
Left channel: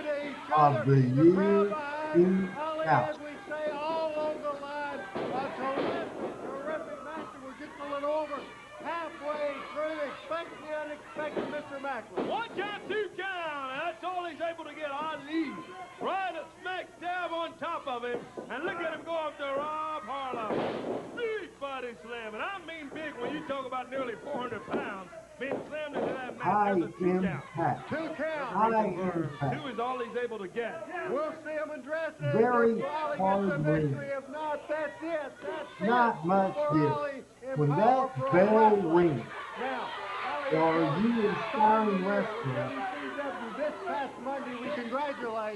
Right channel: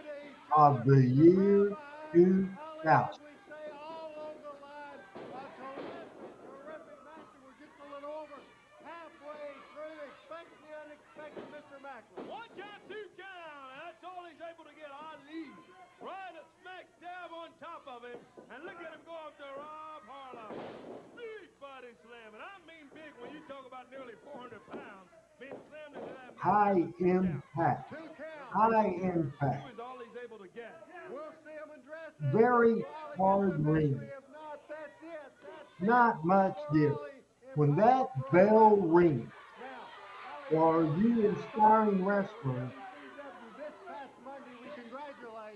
of the year 2000. One count, two count. That's all he's able to get. Ali right a smack dab on top of him. And look at him go up to Rob Harlow. Big body slam. And I mean big when you talk about nearly 400 pounds being slammed into that. High impact. High impact. He was all he's able to get. We'll see him in dress. Very hard ring. Not much different. When that bell rings, or you inspiring wrestlers,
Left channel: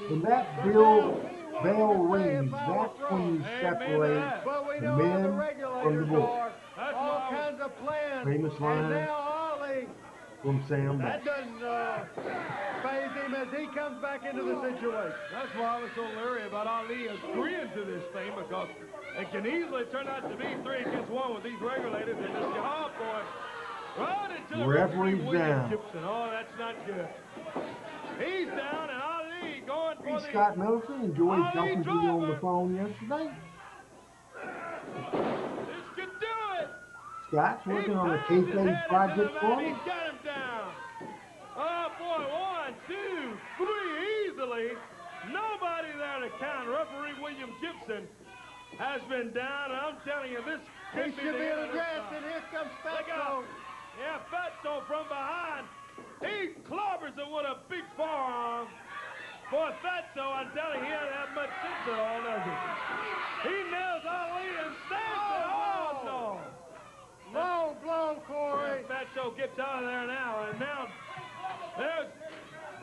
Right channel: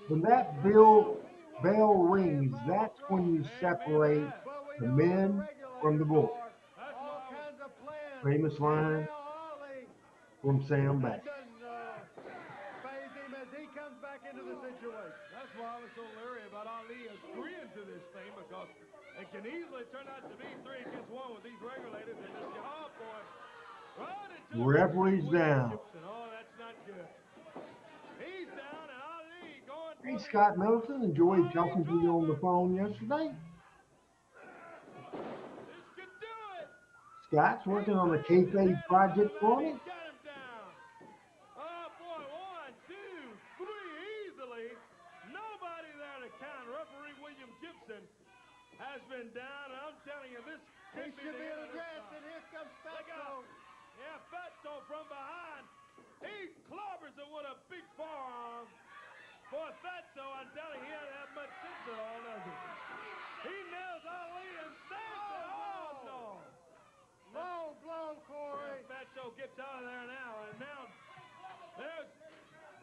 when that bell rings, that's when you separate the men from the boys. Famous line from Sam Baxter. He comes back into the situation. That's why I was so leery about Ali agreeing to this thing, because it can easily turn out to be 3 against 1 with these regulators and this job, boy. Right into Referee's down. Oh, that's not good. He's down, and Ali going. Hey, Scott Middleton, enjoyed talking to you on the phone yesterday. This could do it. Scott's working on a kayfabe project for me. Got him down. Oh, boy, 1, Jackson has been down, and I'm telling you, this He should be addressed, and here comes Fatso. Yeah, Fatso from behind. He clobbers him with a big forearm. Boy, Fatso, I'm telling you, he doesn't have much sense at all, does he? He nails Ali and stands it. Oh, no. Low blow, Corey. Fatso gets out of there now, and now there's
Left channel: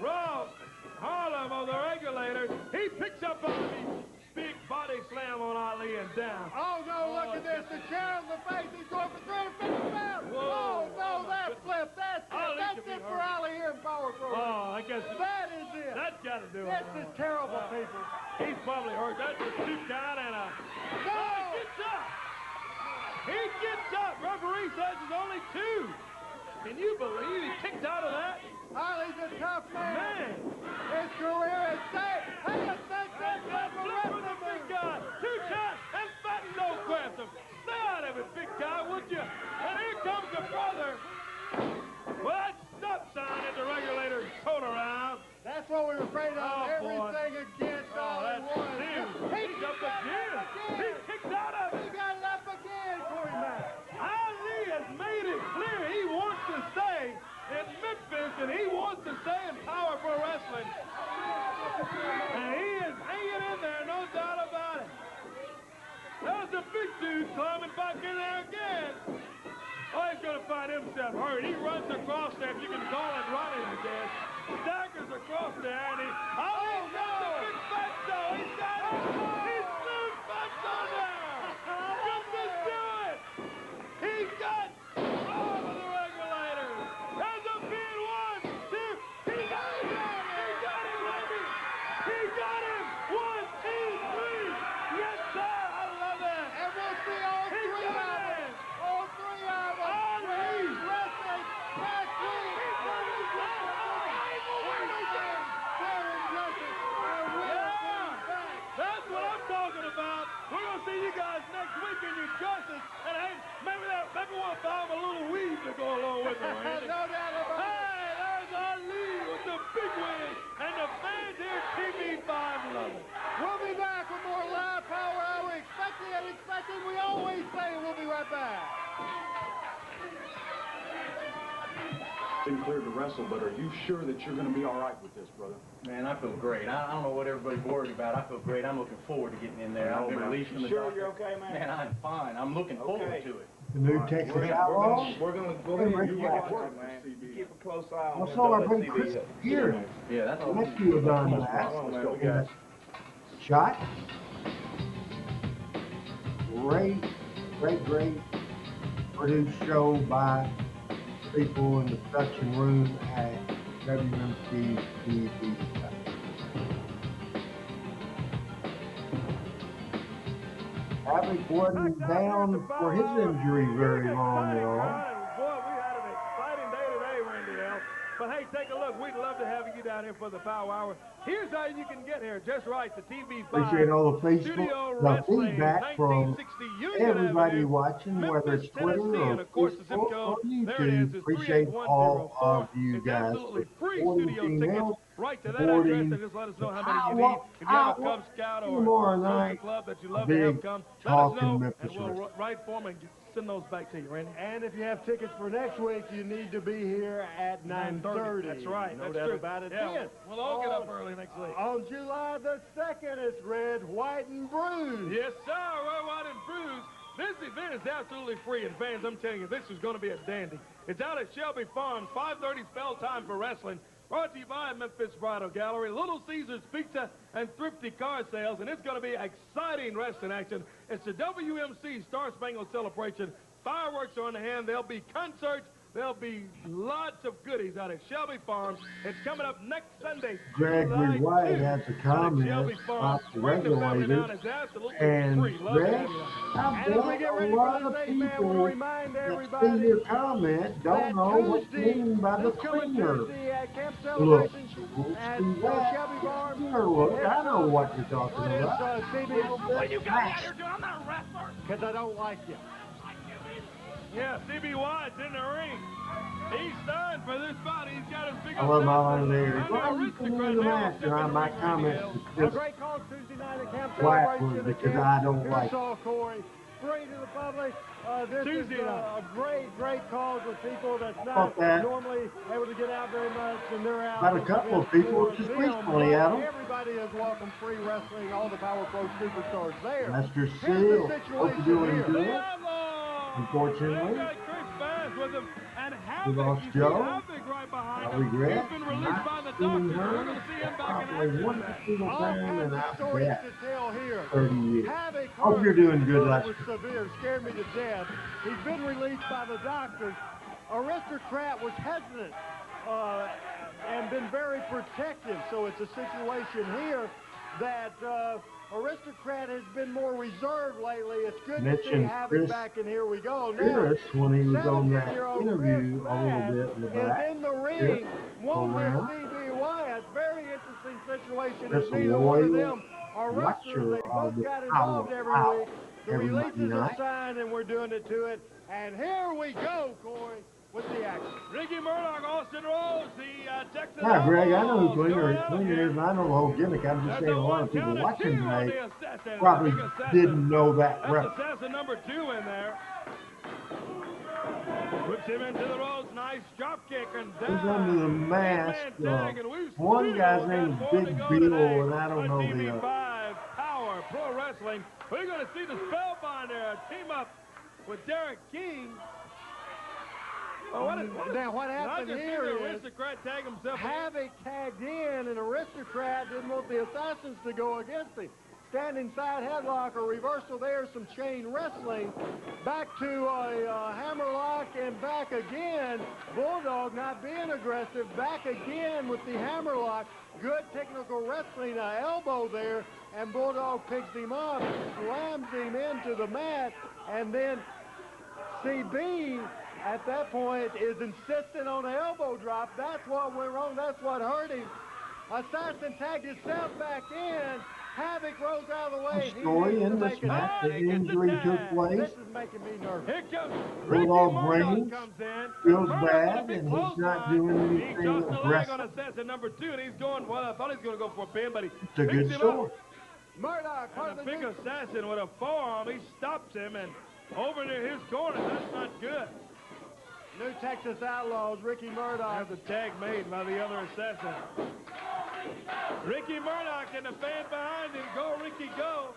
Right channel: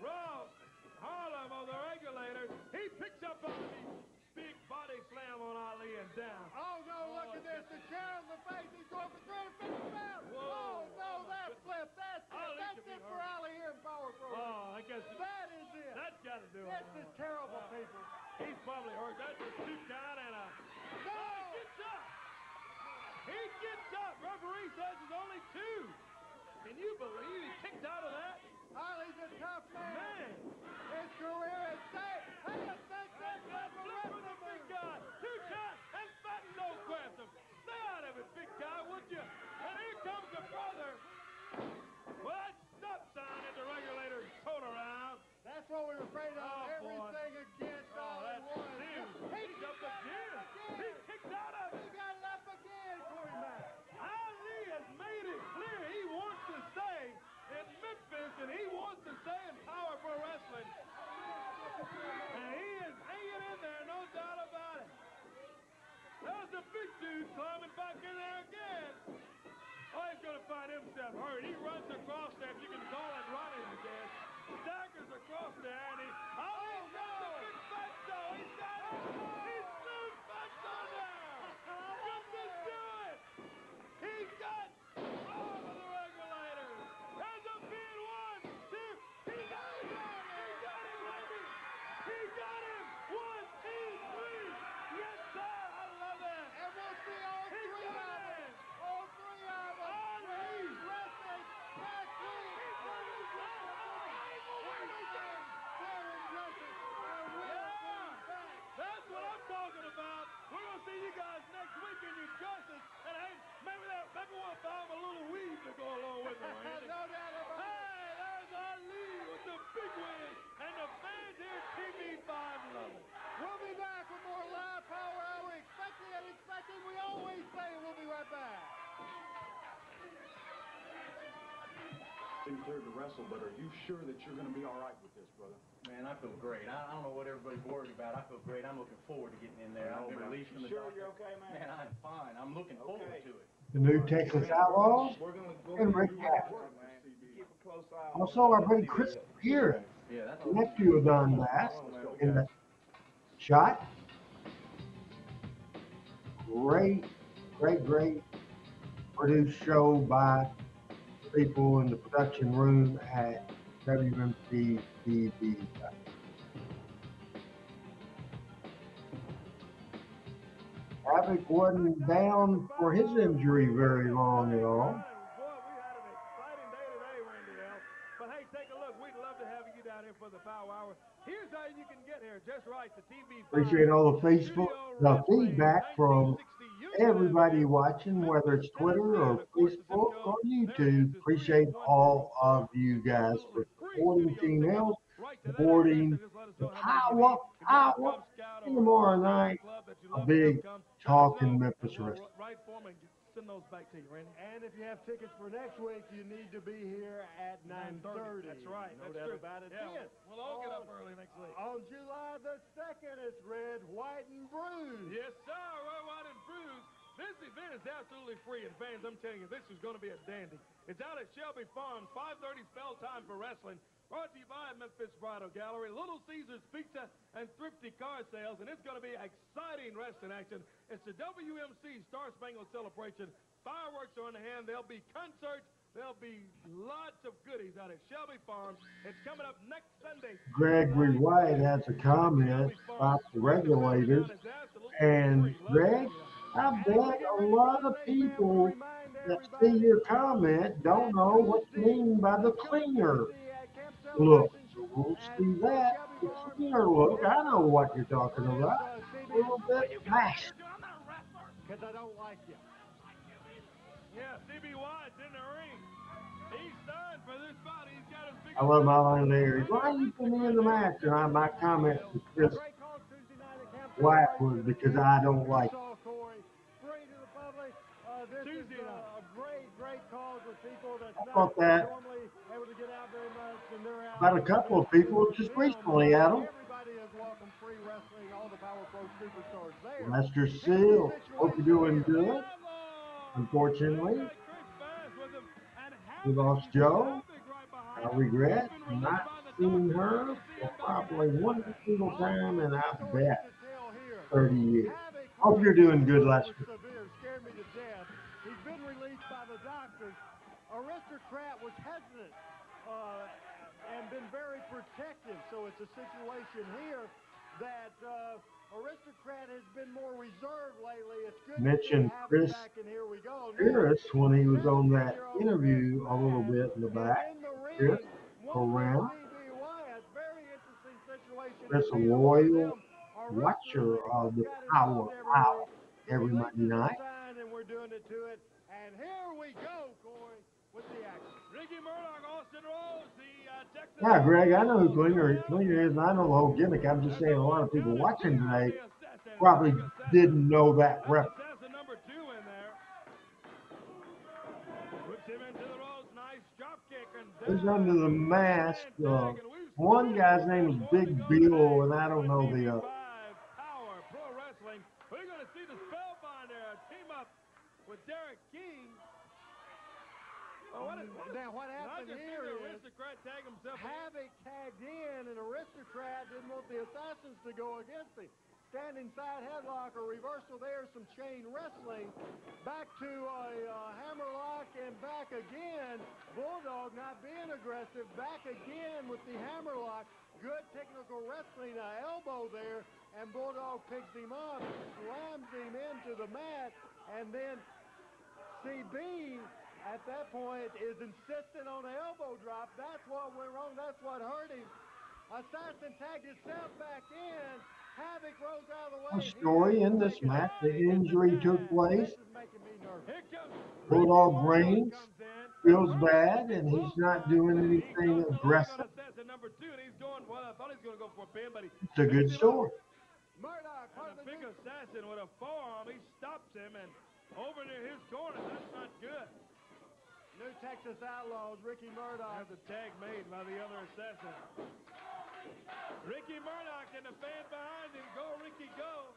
Rob Harlem of the Regulators. He picks up Ali's big body slam on Ali and down. Oh, no, look at this. The chair in the face. He's going for 350 pounds. Oh, no, that flip. That's it for Ali here in Power Pro. Oh, I guess that is it. That's got to do it. This is terrible, people. He's probably hurt. That's a 2 count and a... No! He gets up. He gets up. Referee says it's only 2. Can you believe he kicked out of that? Ali's a tough man. His career is safe. Hey, a that's for the big guy. 2 shots, and Fatso grabs him. Stay out of it, big guy, would you? And here comes the brother. Well, that stop sign at the Regulators tone around. That's what we were afraid of. Oh, everything against Ali one. He's up again. He kicked out of it. He got it up again, Corey Mack. Ali has made it clear he wants to stay in Memphis, and he wants to stay in Power Pro Wrestling. And he is hanging in there, no doubt about it. There's a big dude climbing back in there again. Oh, he's going to find himself hurt. He runs across there, if you can call it running, I guess. Staggers across there, and he... Oh, no! The big Fatso! He's got it! He threw Fatso down! Just to do it! He got all of the Regulators! There's a pin, 1, 2... He got him! He got him, baby! He got him! 1, 2, 3! Yes, sir! I love that! And we'll see all 3 of them! All 3 of them! Ali! Wrestling back to That's what I'm talking about. We're going to see you guys next week in your dresses. And hey, maybe we'll find a little weave to go along with it, Randy. No doubt about it. Hey, there's Ali with the big win. And the fans here at TV5 love it. We'll be back with more live Power Hour. Expecting and expecting. We always say we'll be right back. Been cleared to wrestle, but are you sure that you're going to be all right with this, brother? Man, I feel great. I don't know what everybody's worried about. I feel great. I'm looking forward to getting in there. I've been released from the doctor. You're okay, man? Man, I'm fine. I'm looking forward to it. The new Texas Outlaws and Rick Baxter. Also, our buddy Chris here, nephew of Don Bass, in the shot. Great produced show by people in the production room at WMC TV. Havoc wasn't down for his injury very long at all. Boy, we had an exciting day today, Randy L. But hey, take a look. We'd love to have you down here for the Power Hour. Here's how you can get here. Just right, the TV. Appreciate all the feedback from everybody watching, whether it's Twitter or Facebook or YouTube. Appreciate all of you guys for supporting Team L, supporting the Powa tomorrow night. A big talk in Memphis wrestling. Right for me. Send those back to you, Randy. And if you have tickets for next week, you need to be here at 9:30. That's right. No That's doubt true. about it. Yeah, Then, we'll all get up early next week. On July the 2nd, it's Red, White, and Bruised. Yes, sir. Red, White, and Bruised. This event is absolutely free, and fans, I'm telling you, this is going to be a dandy. It's out at Shelby Farms, 5:30 spell time for wrestling. Brought to you by Memphis Bridal Gallery, Little Caesars Pizza, and Thrifty Car Sales, and it's going to be exciting wrestling action. It's the WMC Star Spangled Celebration. Fireworks are on the hand. There'll be concerts. There'll be lots of goodies out at Shelby Farms. It's coming up next Sunday. Gregory White has a comment about the Regulators. And Greg, I bet a lot of people that see your comment don't know what you mean by the cleaner look. We'll see that. The cleaner look. I know what you're talking about. A little bit fast. Because I don't like you. Yeah, CB White's in the ring. He's signed for this fight. He's got his big... I love my line there. Why are you putting me in the match? And my comment is just quiet was because I don't like it. saw Corey bring to the public. This is a great cause with people that's not normally able to get out very much, and they're out. About a couple of people just recently, Adam. Everybody has welcomed free wrestling, all the Power Pro superstars there. Lester Seal, hope you're doing good. Unfortunately, we lost Joe. I regret not seeing her for probably one single time in, I bet, 30 years. Hope you're doing good, Lester. Scared me to death. He's been released by the doctors. Aristocrat was hesitant and been very protective, so it's a situation here that Aristocrat has been more reserved lately. It's good Mentioned to Chris back, and here we go. Pierce when he was on that interview a little bit in the back. Chris around. Chris, a loyal watcher of the Power Hour every Monday night. And we're doing it to it. And here we go, Corey, with the action. Ricky Murdoch, Austin Rose, the Texas. Yeah, Greg, I know who Klinger is, and I know the whole gimmick. I'm just saying a lot of people watching today probably didn't know that reference. Assassin number 2 in there. Puts him into the ropes. Nice drop kick. Who's under the mask? One guy's name is Big Bill, and I don't know the other. Power Pro Wrestling. We're going to see the Spellbinder team up with Derrick King. Now what happened here is Aristocrat tag himself Havoc tagged in, and Aristocrat didn't want the Assassins to go against him. Standing side headlock, a reversal there, some chain wrestling. Back to a hammerlock and back again. Bulldog not being aggressive. Back again with the hammerlock. Good technical wrestling, elbow there, and Bulldog picks him up, slams him into the mat, and then CB at that point is insistent on the elbow drop. That's what went wrong. That's what hurt him. Assassin tagged himself back in. Havoc rose out of the way. A story in this match, the injury took place. Bulldog Brains feels bad, and he's not doing anything aggressive. It's a good story. Murdoch, a big assassin with a forearm. He stops him, and over near his corner, that's not good. New Texas Outlaws, Ricky Murdoch. Has a tag made by the other assassin. Ricky Murdoch and the fan behind him. Go, Ricky, go.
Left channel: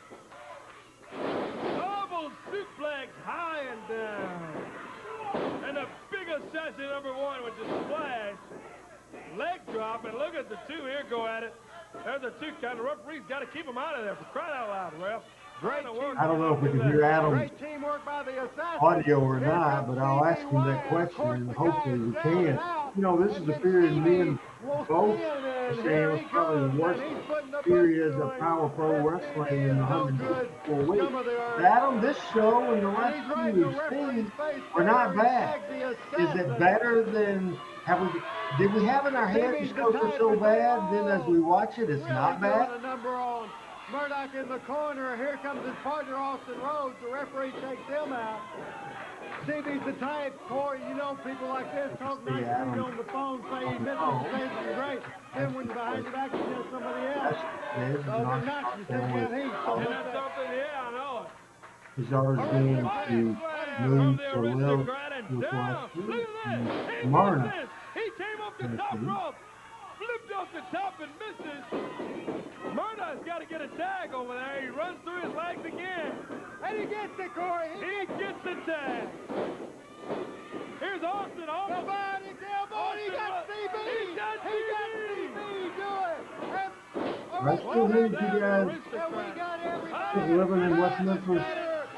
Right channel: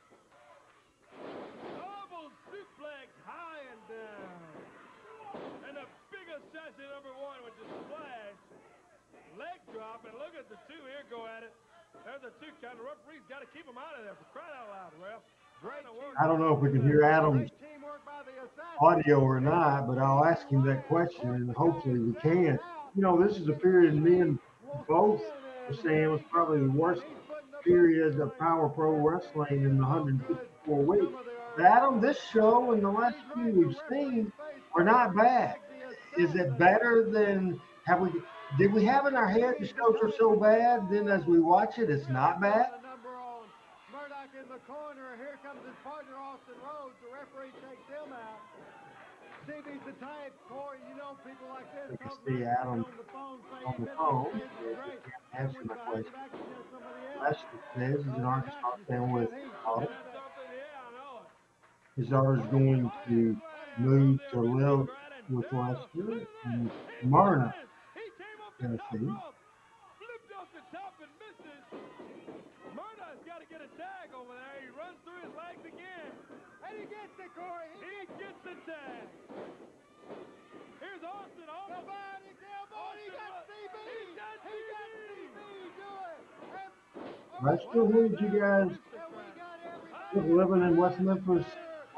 Double suplex high and down. And the big assassin number 1 with the splash. Leg drop, and look at the two here go at it. There's the two count. The referee's got to keep them out of there for crying out loud, ref. I don't know if we can hear Adam's audio or not, but I'll ask him that question, and hopefully we can. You know, this is a period me and both are saying was probably the worst period of Power Pro Wrestling in 154 weeks. But Adam, this show and the last few we've seen are not bad. Is it better than did we have in our head the shows are so bad? Then as we watch it, it's not bad. Murdoch in the corner. Here comes his partner, Austin Rhodes. The referee takes him out. CB's the type, Corey, you know, people like this talk on the phone, saying this is great. And when you back against somebody else. This is an Arkansas fan with his daughter's going to move to live with Lester in Smyrna, Tennessee. Flipped off the top and misses. Murdoch's got to get a tag over there. He runs through his legs again. And he gets it, Corey. He gets the tag. Here's Austin. Somebody's elbow. He got CB. He got CB. Do it. I still need you guys living in West Memphis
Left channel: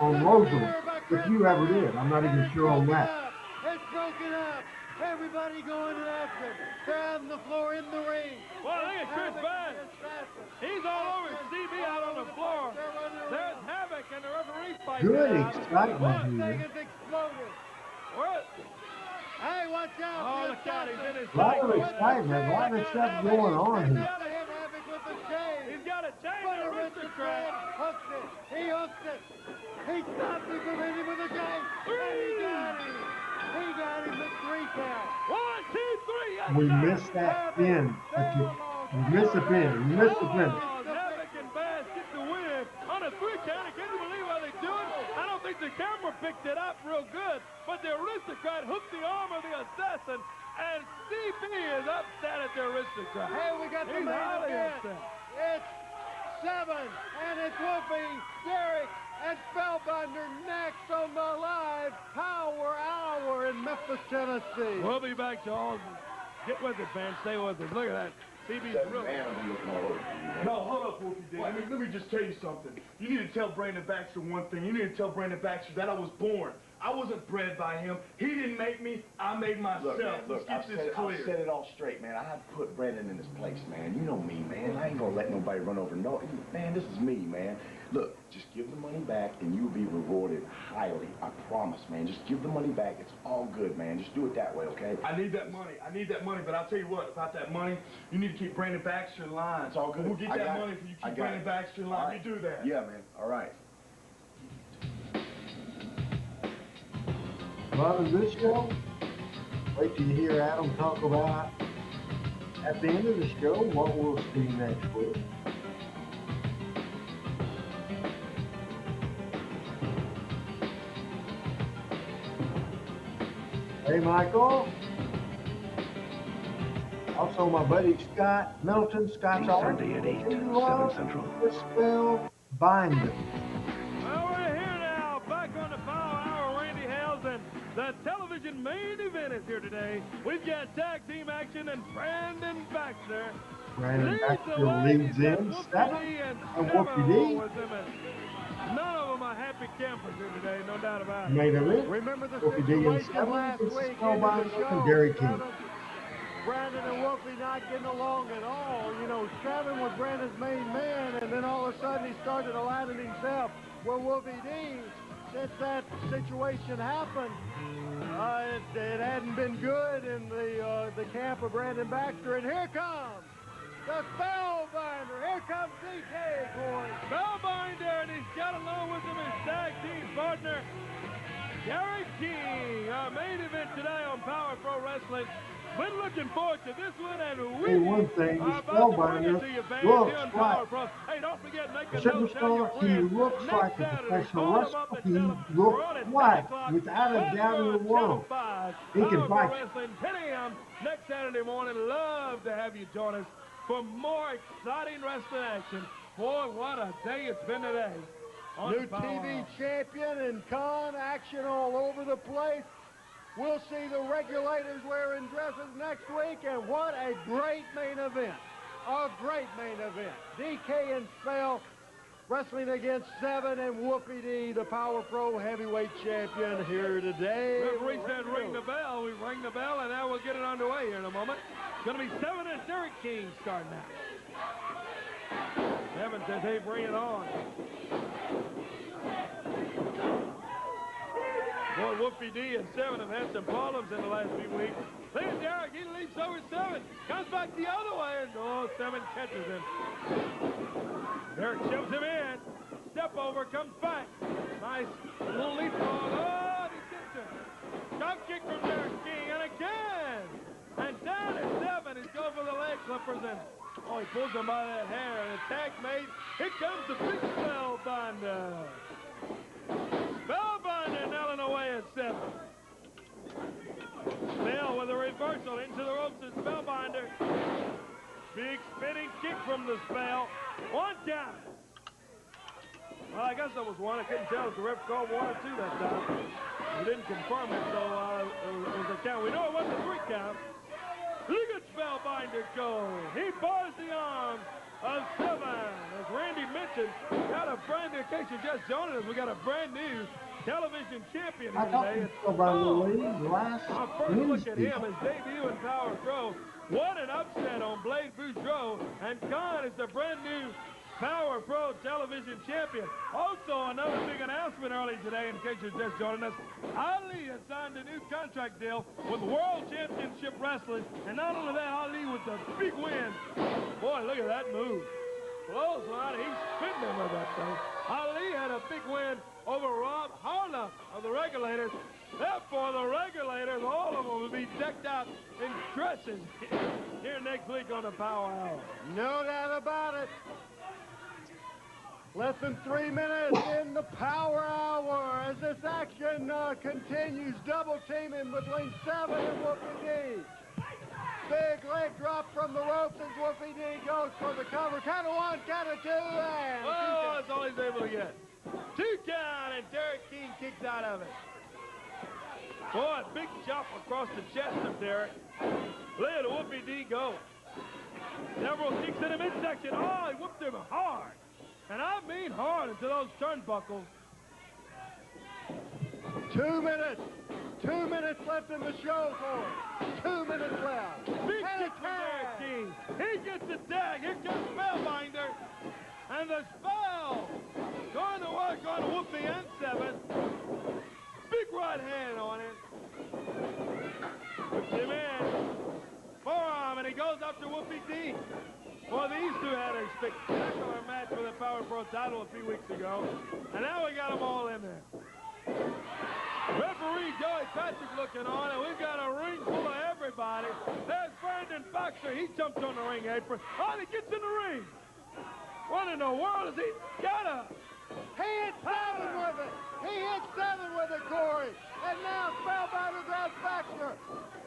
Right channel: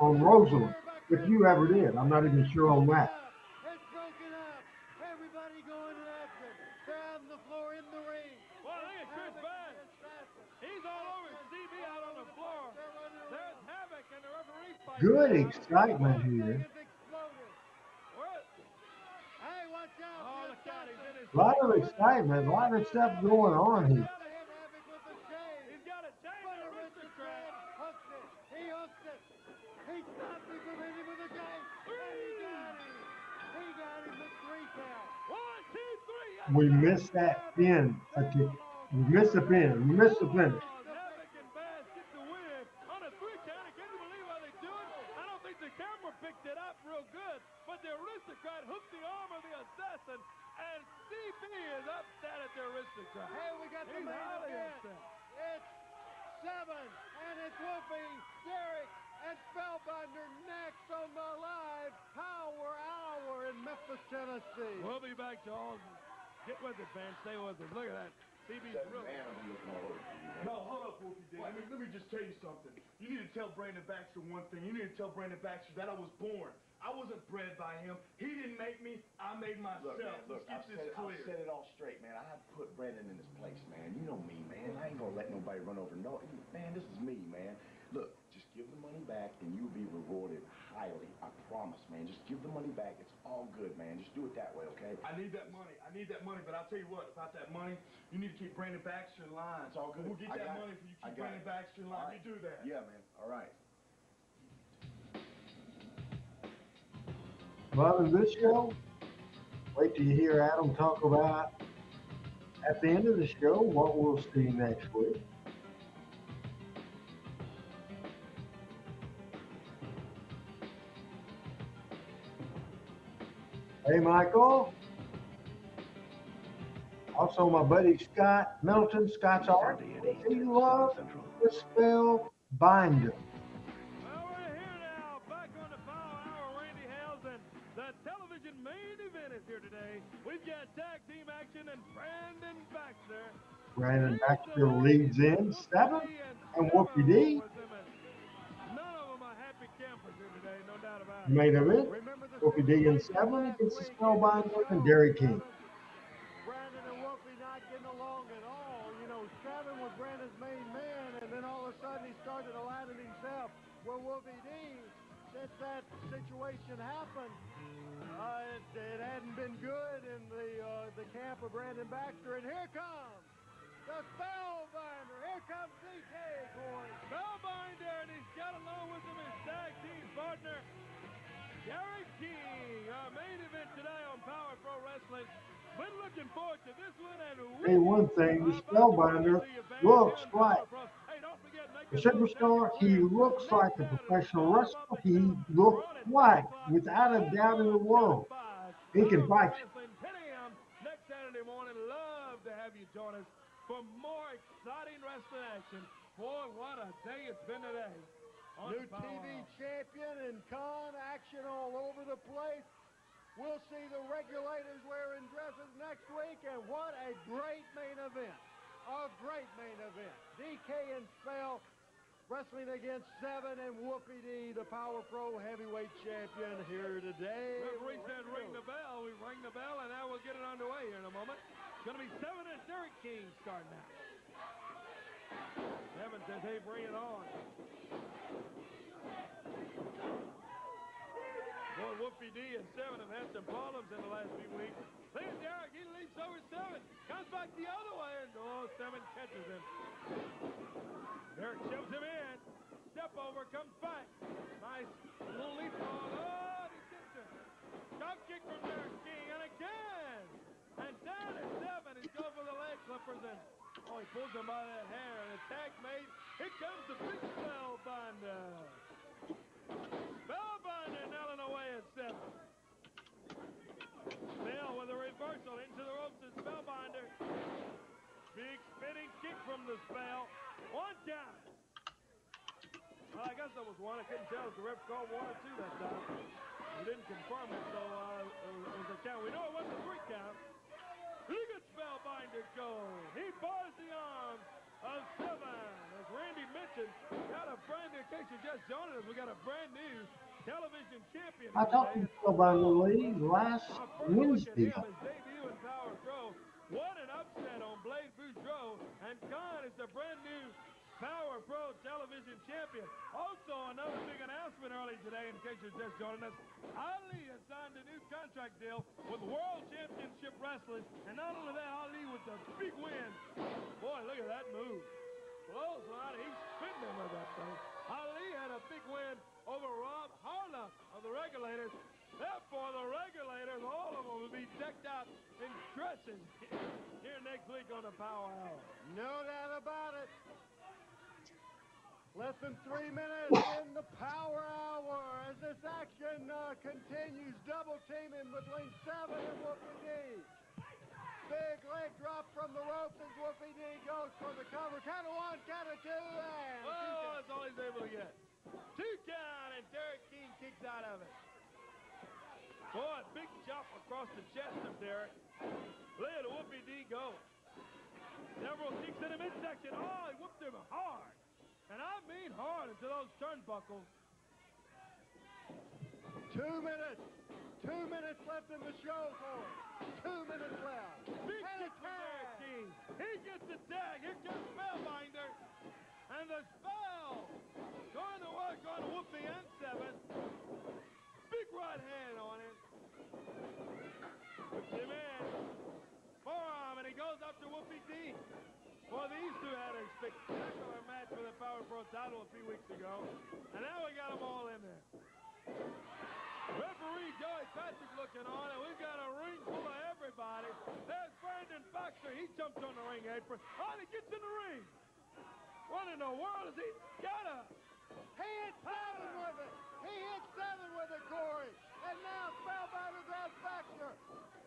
on Roseland, if you ever did. I'm not even sure on that. It's broken up. Everybody going after it. They're on the floor in the ring. Well, look at Chris Bass. He's all over CB out on the floor. There's Havoc and the referee fight. Good excitement here. Hey, watch out. Oh, look out. He's in his A lot of excitement, a lot of stuff going on here. He's got a chain. Aristocrat. Hooks it. He hooks it. He stopped him from hitting with a chain. And he got him. He got him with 3 count. 1, 2, 3. We missed that pin. We missed the pin. We missed the finish. Havoc and Bass get the win. think the camera picked it up real good, but the aristocrat hooked the arm of the assassin, and CB is upset at the aristocrat. Hey, we got the He's main highly event. upset. It's 7, and it's Wolfie, Derrick, and Spellbinder next on the live Power Hour in Memphis, Tennessee. We'll be back to all. Get with it, fans. Stay with us. Look at that. CB's real. No, hold up, Wolfie D. Let me just tell you something. You need to tell Brandon Baxter one thing. You need to tell Brandon Baxter that I was born. I wasn't bred by him. He didn't make me. I made myself. Look, Let's get this I've clear. said it all straight, man. I have to put Brandon in his place, man. You know me, man. I ain't gonna let nobody run over. No, man, this is me, man. Look, just give the money back, and you'll be rewarded highly. I promise, man. Just give the money back. It's all good, man. Just do it that way, okay? I need that money. But I'll tell you what, about that money, you need to keep Brandon Baxter in line. It's all good. We'll get that money for you. Keep Brandon Baxter in line. Right. You do that. Yeah, man. All right. Well, in this show, wait till you hear Adam talk about at the end of the show what we'll see next week. Hey, Michael. Also, my buddy Scott Middleton, Scott's art. He loves the spell binder. Well, we're here now, back on the Power Hour. Randy Hales and the television main event is here today. We've got tag team action and Brandon Baxter. Brandon Baxter leads in 7, and Wolfie D. None of them are happy campers here today, no doubt about it. Main event, Wolfie D in 7 against the Spellbinder and Derrick King. Brandon and Wolfie not getting along at all. You know, 7 was Brandon's main man, and then all of a sudden he started aligning himself with Wolfie D. Since that situation happened, it hadn't been good in the camp of Brandon Baxter, and here comes the Spellbinder. Here comes DK, boys. Spellbinder, and he's got along with him his tag team partner, Derrick King. Our main event today on Power Pro Wrestling. Been looking forward to this one, and Hey, one thing, the Spellbinder looks like a superstar. He looks like a professional wrestler. He looks like, without a doubt in the world, he can fight. 10 a.m. next Saturday morning. Love to have you join us for more exciting wrestling action. Boy, what a day it's been today. New TV champion and con action all over the place. We'll see the regulators wearing dresses next week, and what a great main event. A great main event. DK and Spell wrestling against 7 and Wolfie D, the Power Pro heavyweight champion here today. Referee said ring the bell. We ring the bell, and now we'll get it underway here in a moment. It's going to be 7 and Derrick King starting out. 7 says, hey, bring it on. Boy, Wolfie D and 7 have had some problems in the last few weeks. Look at Derrick, he leaps over 7. Comes back the other way, and 7 catches him. Derrick shoves him in. Step over, comes back. Nice little leapfrog. Oh, he gets him. Drop kick from Derrick King, and again. And down at 7, he's going for the leg clippers, and he pulls him by that hair. And the tag mate, here comes the big Spellbinder. Spellbinder nailing away at 7. Spell with a reversal into the ropes of Spellbinder. Big spinning kick from the Spell. 1 count. Well, I guess that was 1. I couldn't tell if the ref called 1 or 2 that time. He didn't confirm it, so it was a count. We know it wasn't a 3 count. Look at Spellbinder go. He bars the arms of 7. As Randy mentioned, got a brand new, in case you just joined us, we got a brand new television champion. I talked to Spellbinder Lee last Wednesday. His debut in Power Pro. What an upset on Blade Boudreaux. And Khan is the brand new Power Pro television champion. Also, another big announcement early today, in case you're just joining us. Ali has signed a new contract deal with World Championship Wrestling. And not only that, Ali with the big win. Boy, look at that move. Close line, he's spinning with that thing. Ali had a big win over Rob Harlow of the Regulators. Therefore, the Regulators, all of them will be decked out in dresses here next week on the Power Hour. No doubt about it. Less than 3 minutes in the Power Hour as this action continues. Double teaming between 7 and Wolfie D. Big leg drop from the ropes as Wolfie D goes for the cover. Count of 1, count of 2, and... Oh, that's all he's able to get. 2 count, and Derrick King kicks out of it. Boy, big chop across the chest of Derrick. Look at Wolfie D go. Several kicks in the midsection. Oh, he whooped him hard. And I mean hard into those turnbuckles. 2 minutes. 2 minutes left in the show for him. 2 minutes left. Big kick from Derrick King. He gets the tag. Here comes Spellbinder. And the spell going to work on Wolfie and 7. Big right hand on it. Puts him in. Forearm, and he goes after Wolfie D. Well, these two had a spectacular match for the Power Pro title a few weeks ago. And now we got them all in there. Referee Joey Patrick looking on, and we've got a ring full of everybody. There's Brandon Baxter. He jumps on the ring apron. Oh, he gets in the ring. What in the world is he got up? He hit 7 with it. He hit 7 with it, Corey. And now Spellbinder grabs Baxter.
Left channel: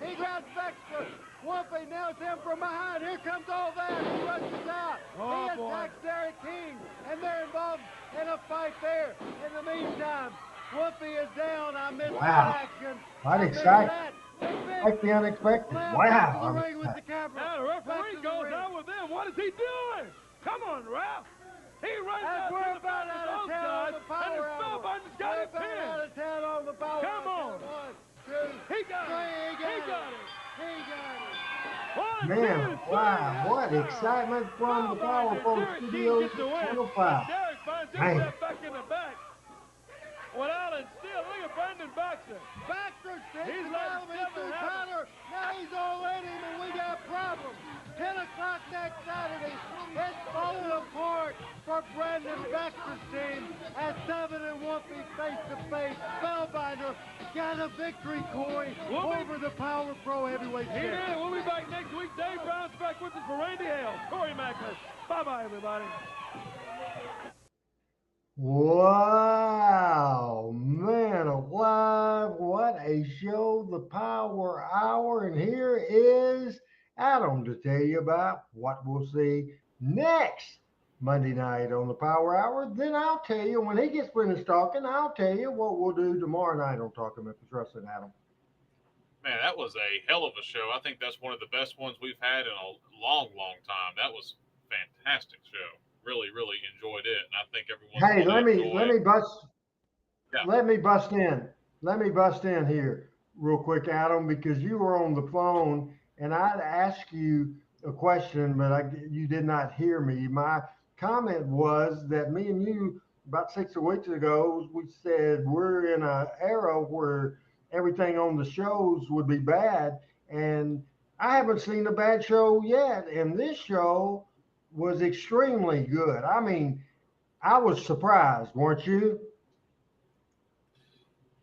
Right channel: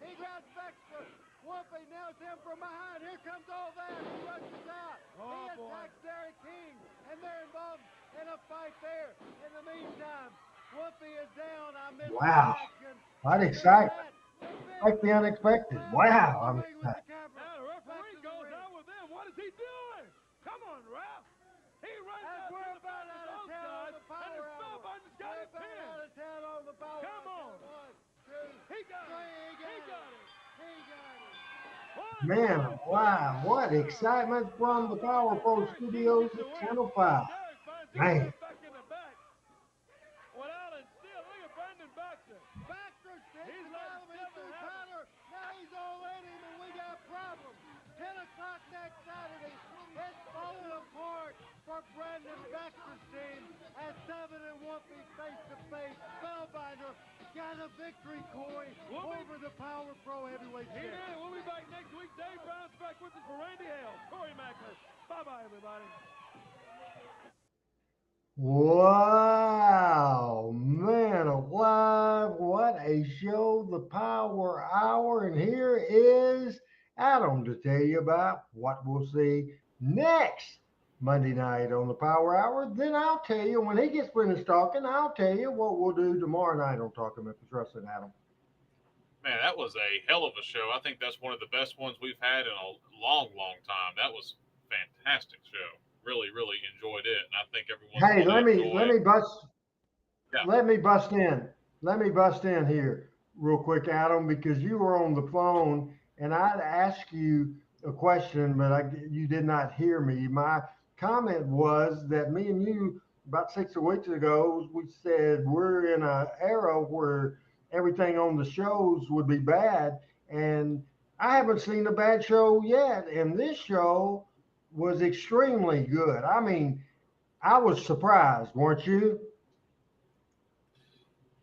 He grabs Baxter. Wolfie nails him from behind. Here comes all that. He rushes out. Oh, he attacks Derrick King, and they're involved in a fight there. In the meantime, Wolfie is down. I missed wow. the action. What exciting. Like the unexpected. Wow. I'm excited. Now the referee goes out with them. What is he doing? Come on, ref. He runs out to the back of those guys, and the Spellbinder's got him pinned. Out of town on the power. Come on. 1, 2, He got it. He got it. He got it. Man, wow. What excitement from the Power Pro Studios at Channel 5. Man. Back in the back. Without it still, look at Brandon Baxter. Baxter takes He's him letting out of his 7 happen. counter. Now he's all in him, and we got problems. 10 o'clock next Saturday. It's falling apart for Brandon Baxter's team as 7 and Wolfie face-to-face. Spellbinder got a victory, Corey, over the Power Pro Heavyweight He Champion. did. We'll be back next week. Dave Brown's back with us for Randy Hale. Corey Mackler. Bye-bye, everybody. Wow, man alive, what a show, the Power Hour. And here is Adam to tell you about what we'll see next Monday night on the Power Hour. Then I'll tell you, when he gets finished talking, I'll tell you what we'll do tomorrow night on Talking Memphis Wrestling, Adam. Man, that was a hell of a show. I think that's one of the best ones we've had in a long, long time. That was a fantastic show. Really, really enjoyed it, and I think everyone. Hey, let me bust in. Let me bust in here real quick, Adam, because you were on the phone, and I'd ask you a question, but you did not hear me. My comment was that me and you about 6 weeks ago, we said we're in an era where everything on the shows would be bad, and I haven't seen a bad show yet, and this show was extremely good. I mean, I was surprised, weren't you?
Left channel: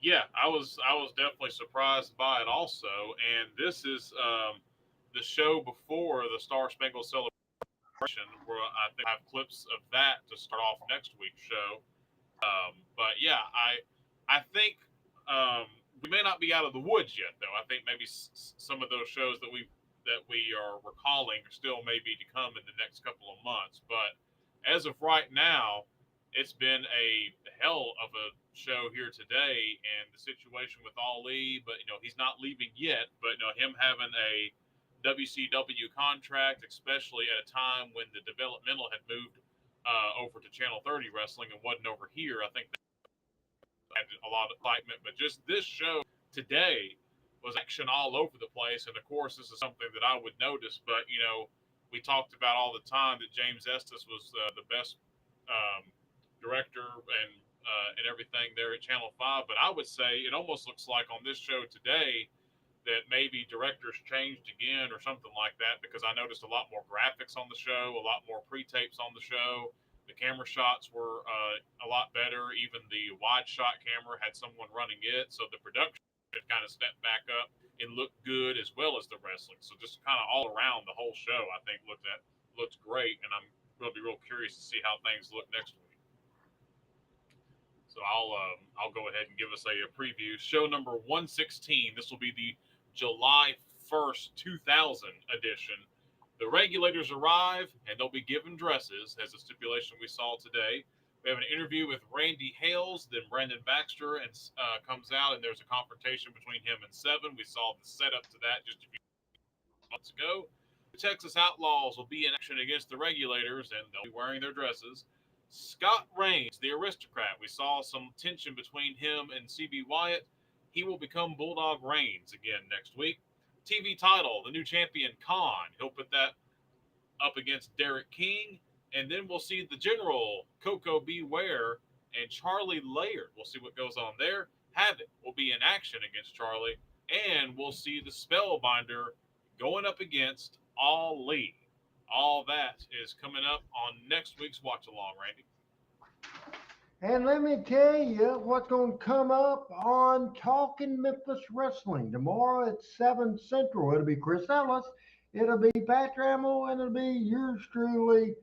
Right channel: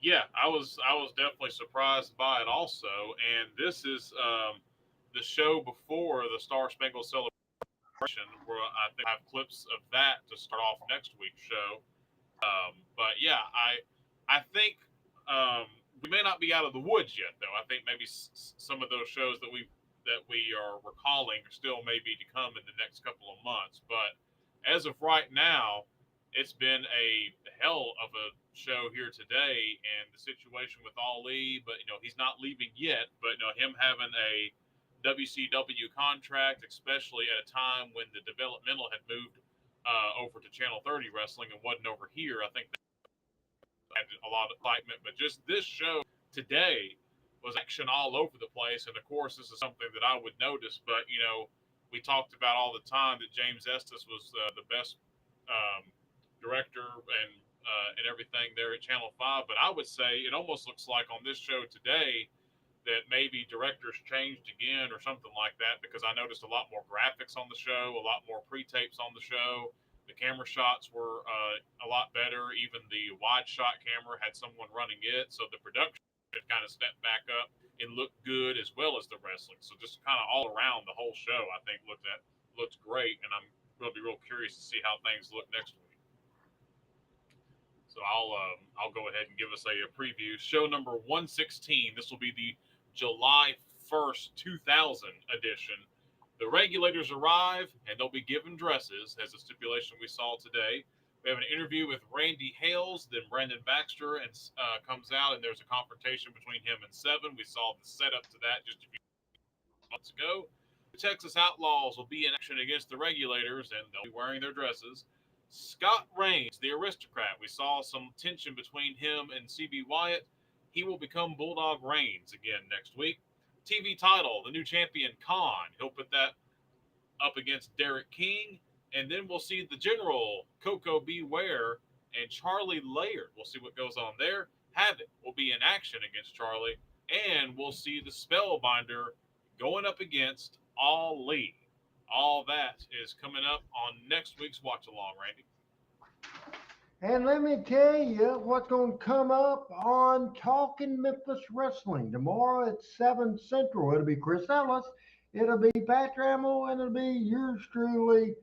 Yeah, I was definitely surprised by it also. And this is the show before the Star Spangled Celebration, where I think I have clips of that to start off next week's show. But yeah, I think we may not be out of the woods yet, though. I think maybe some of those shows that we are recalling still maybe to come in the next couple of months. But as of right now, it's been a hell of a show here today, and the situation with Ali, but he's not leaving yet, but him having a WCW contract, especially at a time when the developmental had moved over to Channel 30 Wrestling and wasn't over here, I think that had a lot of excitement. But just this show today was action all over the place. And of course, this is something that I would notice, but we talked about all the time that James Estes was the best director and everything there at Channel 5. But I would say it almost looks like on this show today that maybe directors changed again or something like that, because I noticed a lot more graphics on the show, a lot more pre-tapes on the show. The camera shots were a lot better. Even the wide shot camera had someone running it. So the production kind of stepped back up and looked good, as well as the wrestling. So just kind of all around the whole show, I think looked great, and I'm going to be real curious to see how things look next week. So I'll go ahead and give us a preview. Show number 116. This will be the July 1st, 2000 edition. The regulators arrive, and they'll be given dresses, as the stipulation we saw today. We have an interview with Randy Hales, then Brandon Baxter comes out, and there's a confrontation between him and Seven. We saw the setup to that just a few months ago. The Texas Outlaws will be in action against the regulators, and they'll be wearing their dresses. Scott Reigns, the aristocrat, we saw some tension between him and CB Wyatt. He will become Bulldog Reigns again next week. TV title, the new champion, Khan. He'll put that up against Derrick King. And then we'll see the General, Coco Beware, and Charlie Laird. We'll see what goes on there. Havoc will be in action against Charlie. And we'll see the Spellbinder going up against Ali. All that is coming up on next week's Watch Along, Randy. And let me tell you what's going to come up on Talking Memphis Wrestling tomorrow at 7 Central. It'll be Chris Ellis, it'll be Pat Trammell, and it'll be yours truly,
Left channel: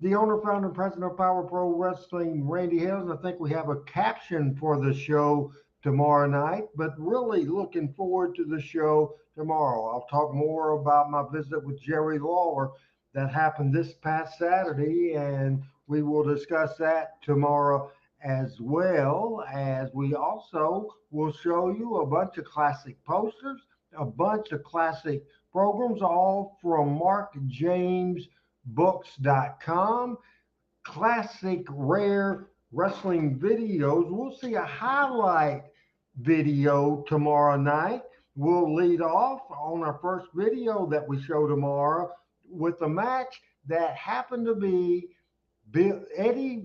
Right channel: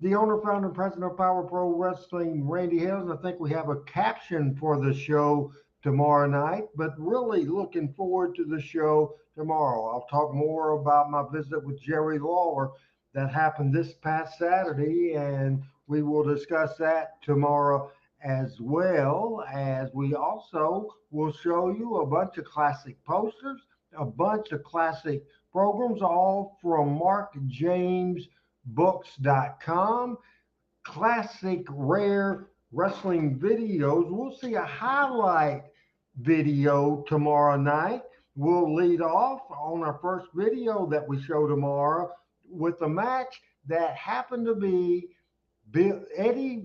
the owner, founder, and president of Power Pro Wrestling, Randy Hales. I think we have a caption for the show tomorrow night, but really looking forward to the show tomorrow. I'll talk more about my visit with Jerry Lawler that happened this past Saturday, and we will discuss that tomorrow, as well as we also will show you a bunch of classic posters, a bunch of classic programs, all from MarkJamesBooks.com, classic rare wrestling videos. We'll see a highlight video tomorrow night. We'll lead off on our first video that we show tomorrow with a match that happened to be Eddie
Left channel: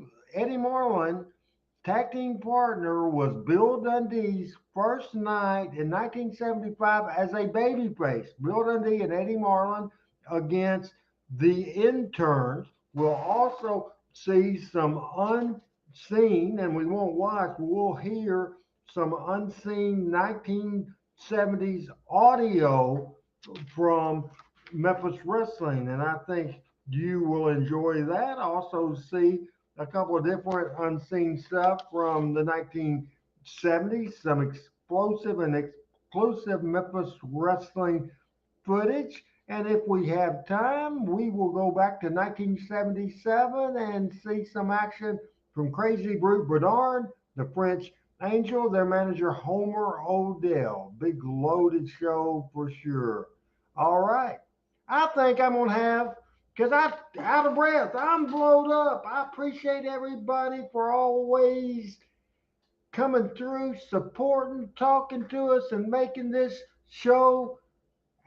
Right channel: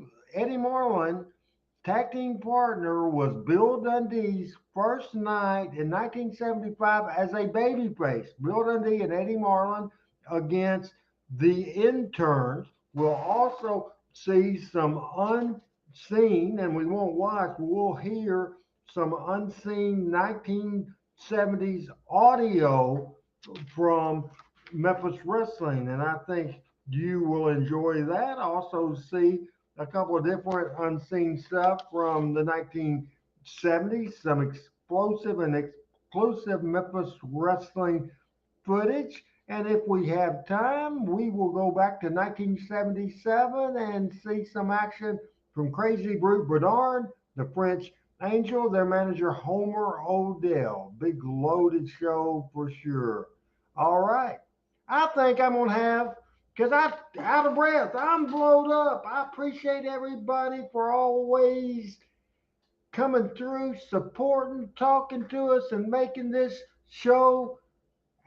Marlin. Tag team partner was Bill Dundee's first night in 1975 as a babyface. Bill Dundee and Eddie Marlin against the Interns. We'll also see some unseen, and we won't watch, we'll hear some unseen 1970s audio from Memphis Wrestling, and I think you will enjoy that. Also see a couple of different unseen stuff from the 1970s, some explosive and exclusive Memphis Wrestling footage. And if we have time, we will go back to 1977 and see some action from Crazy Brute Bernard, the French Angel, their manager Homer Odell. Big loaded show for sure. All right. I think I'm going to have, because I'm out of breath, I'm blowed up. I appreciate everybody for always coming through, supporting, talking to us, and making this show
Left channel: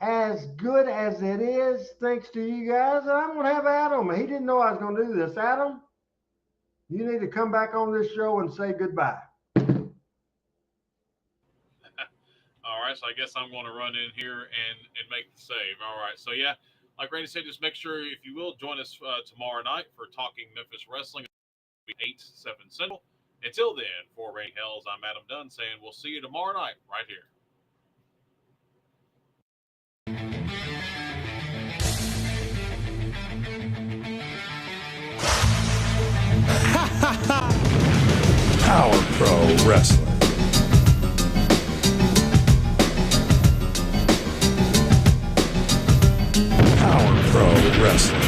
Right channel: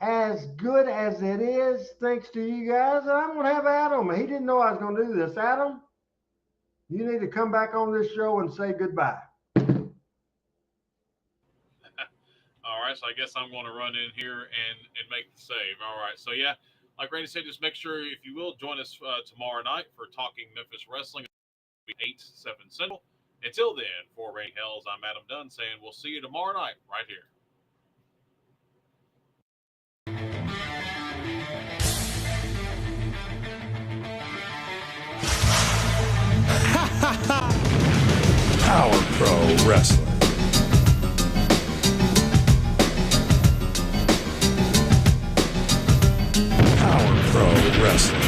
as good as it is. Thanks to you guys. And I'm going to have Adam. He didn't know I was going to do this. Adam, you need to come back on this show and say goodbye. All right, so I guess I'm going to run in here and make the save. All right, so yeah, like Randy said, just make sure, if you will, join us tomorrow night for Talking Memphis Wrestling. It'll be 8, 7 Central. Until then, for Randy Hales, I'm Adam Dunn saying we'll see you tomorrow night right here. Power Pro Wrestling. Power Pro Wrestling.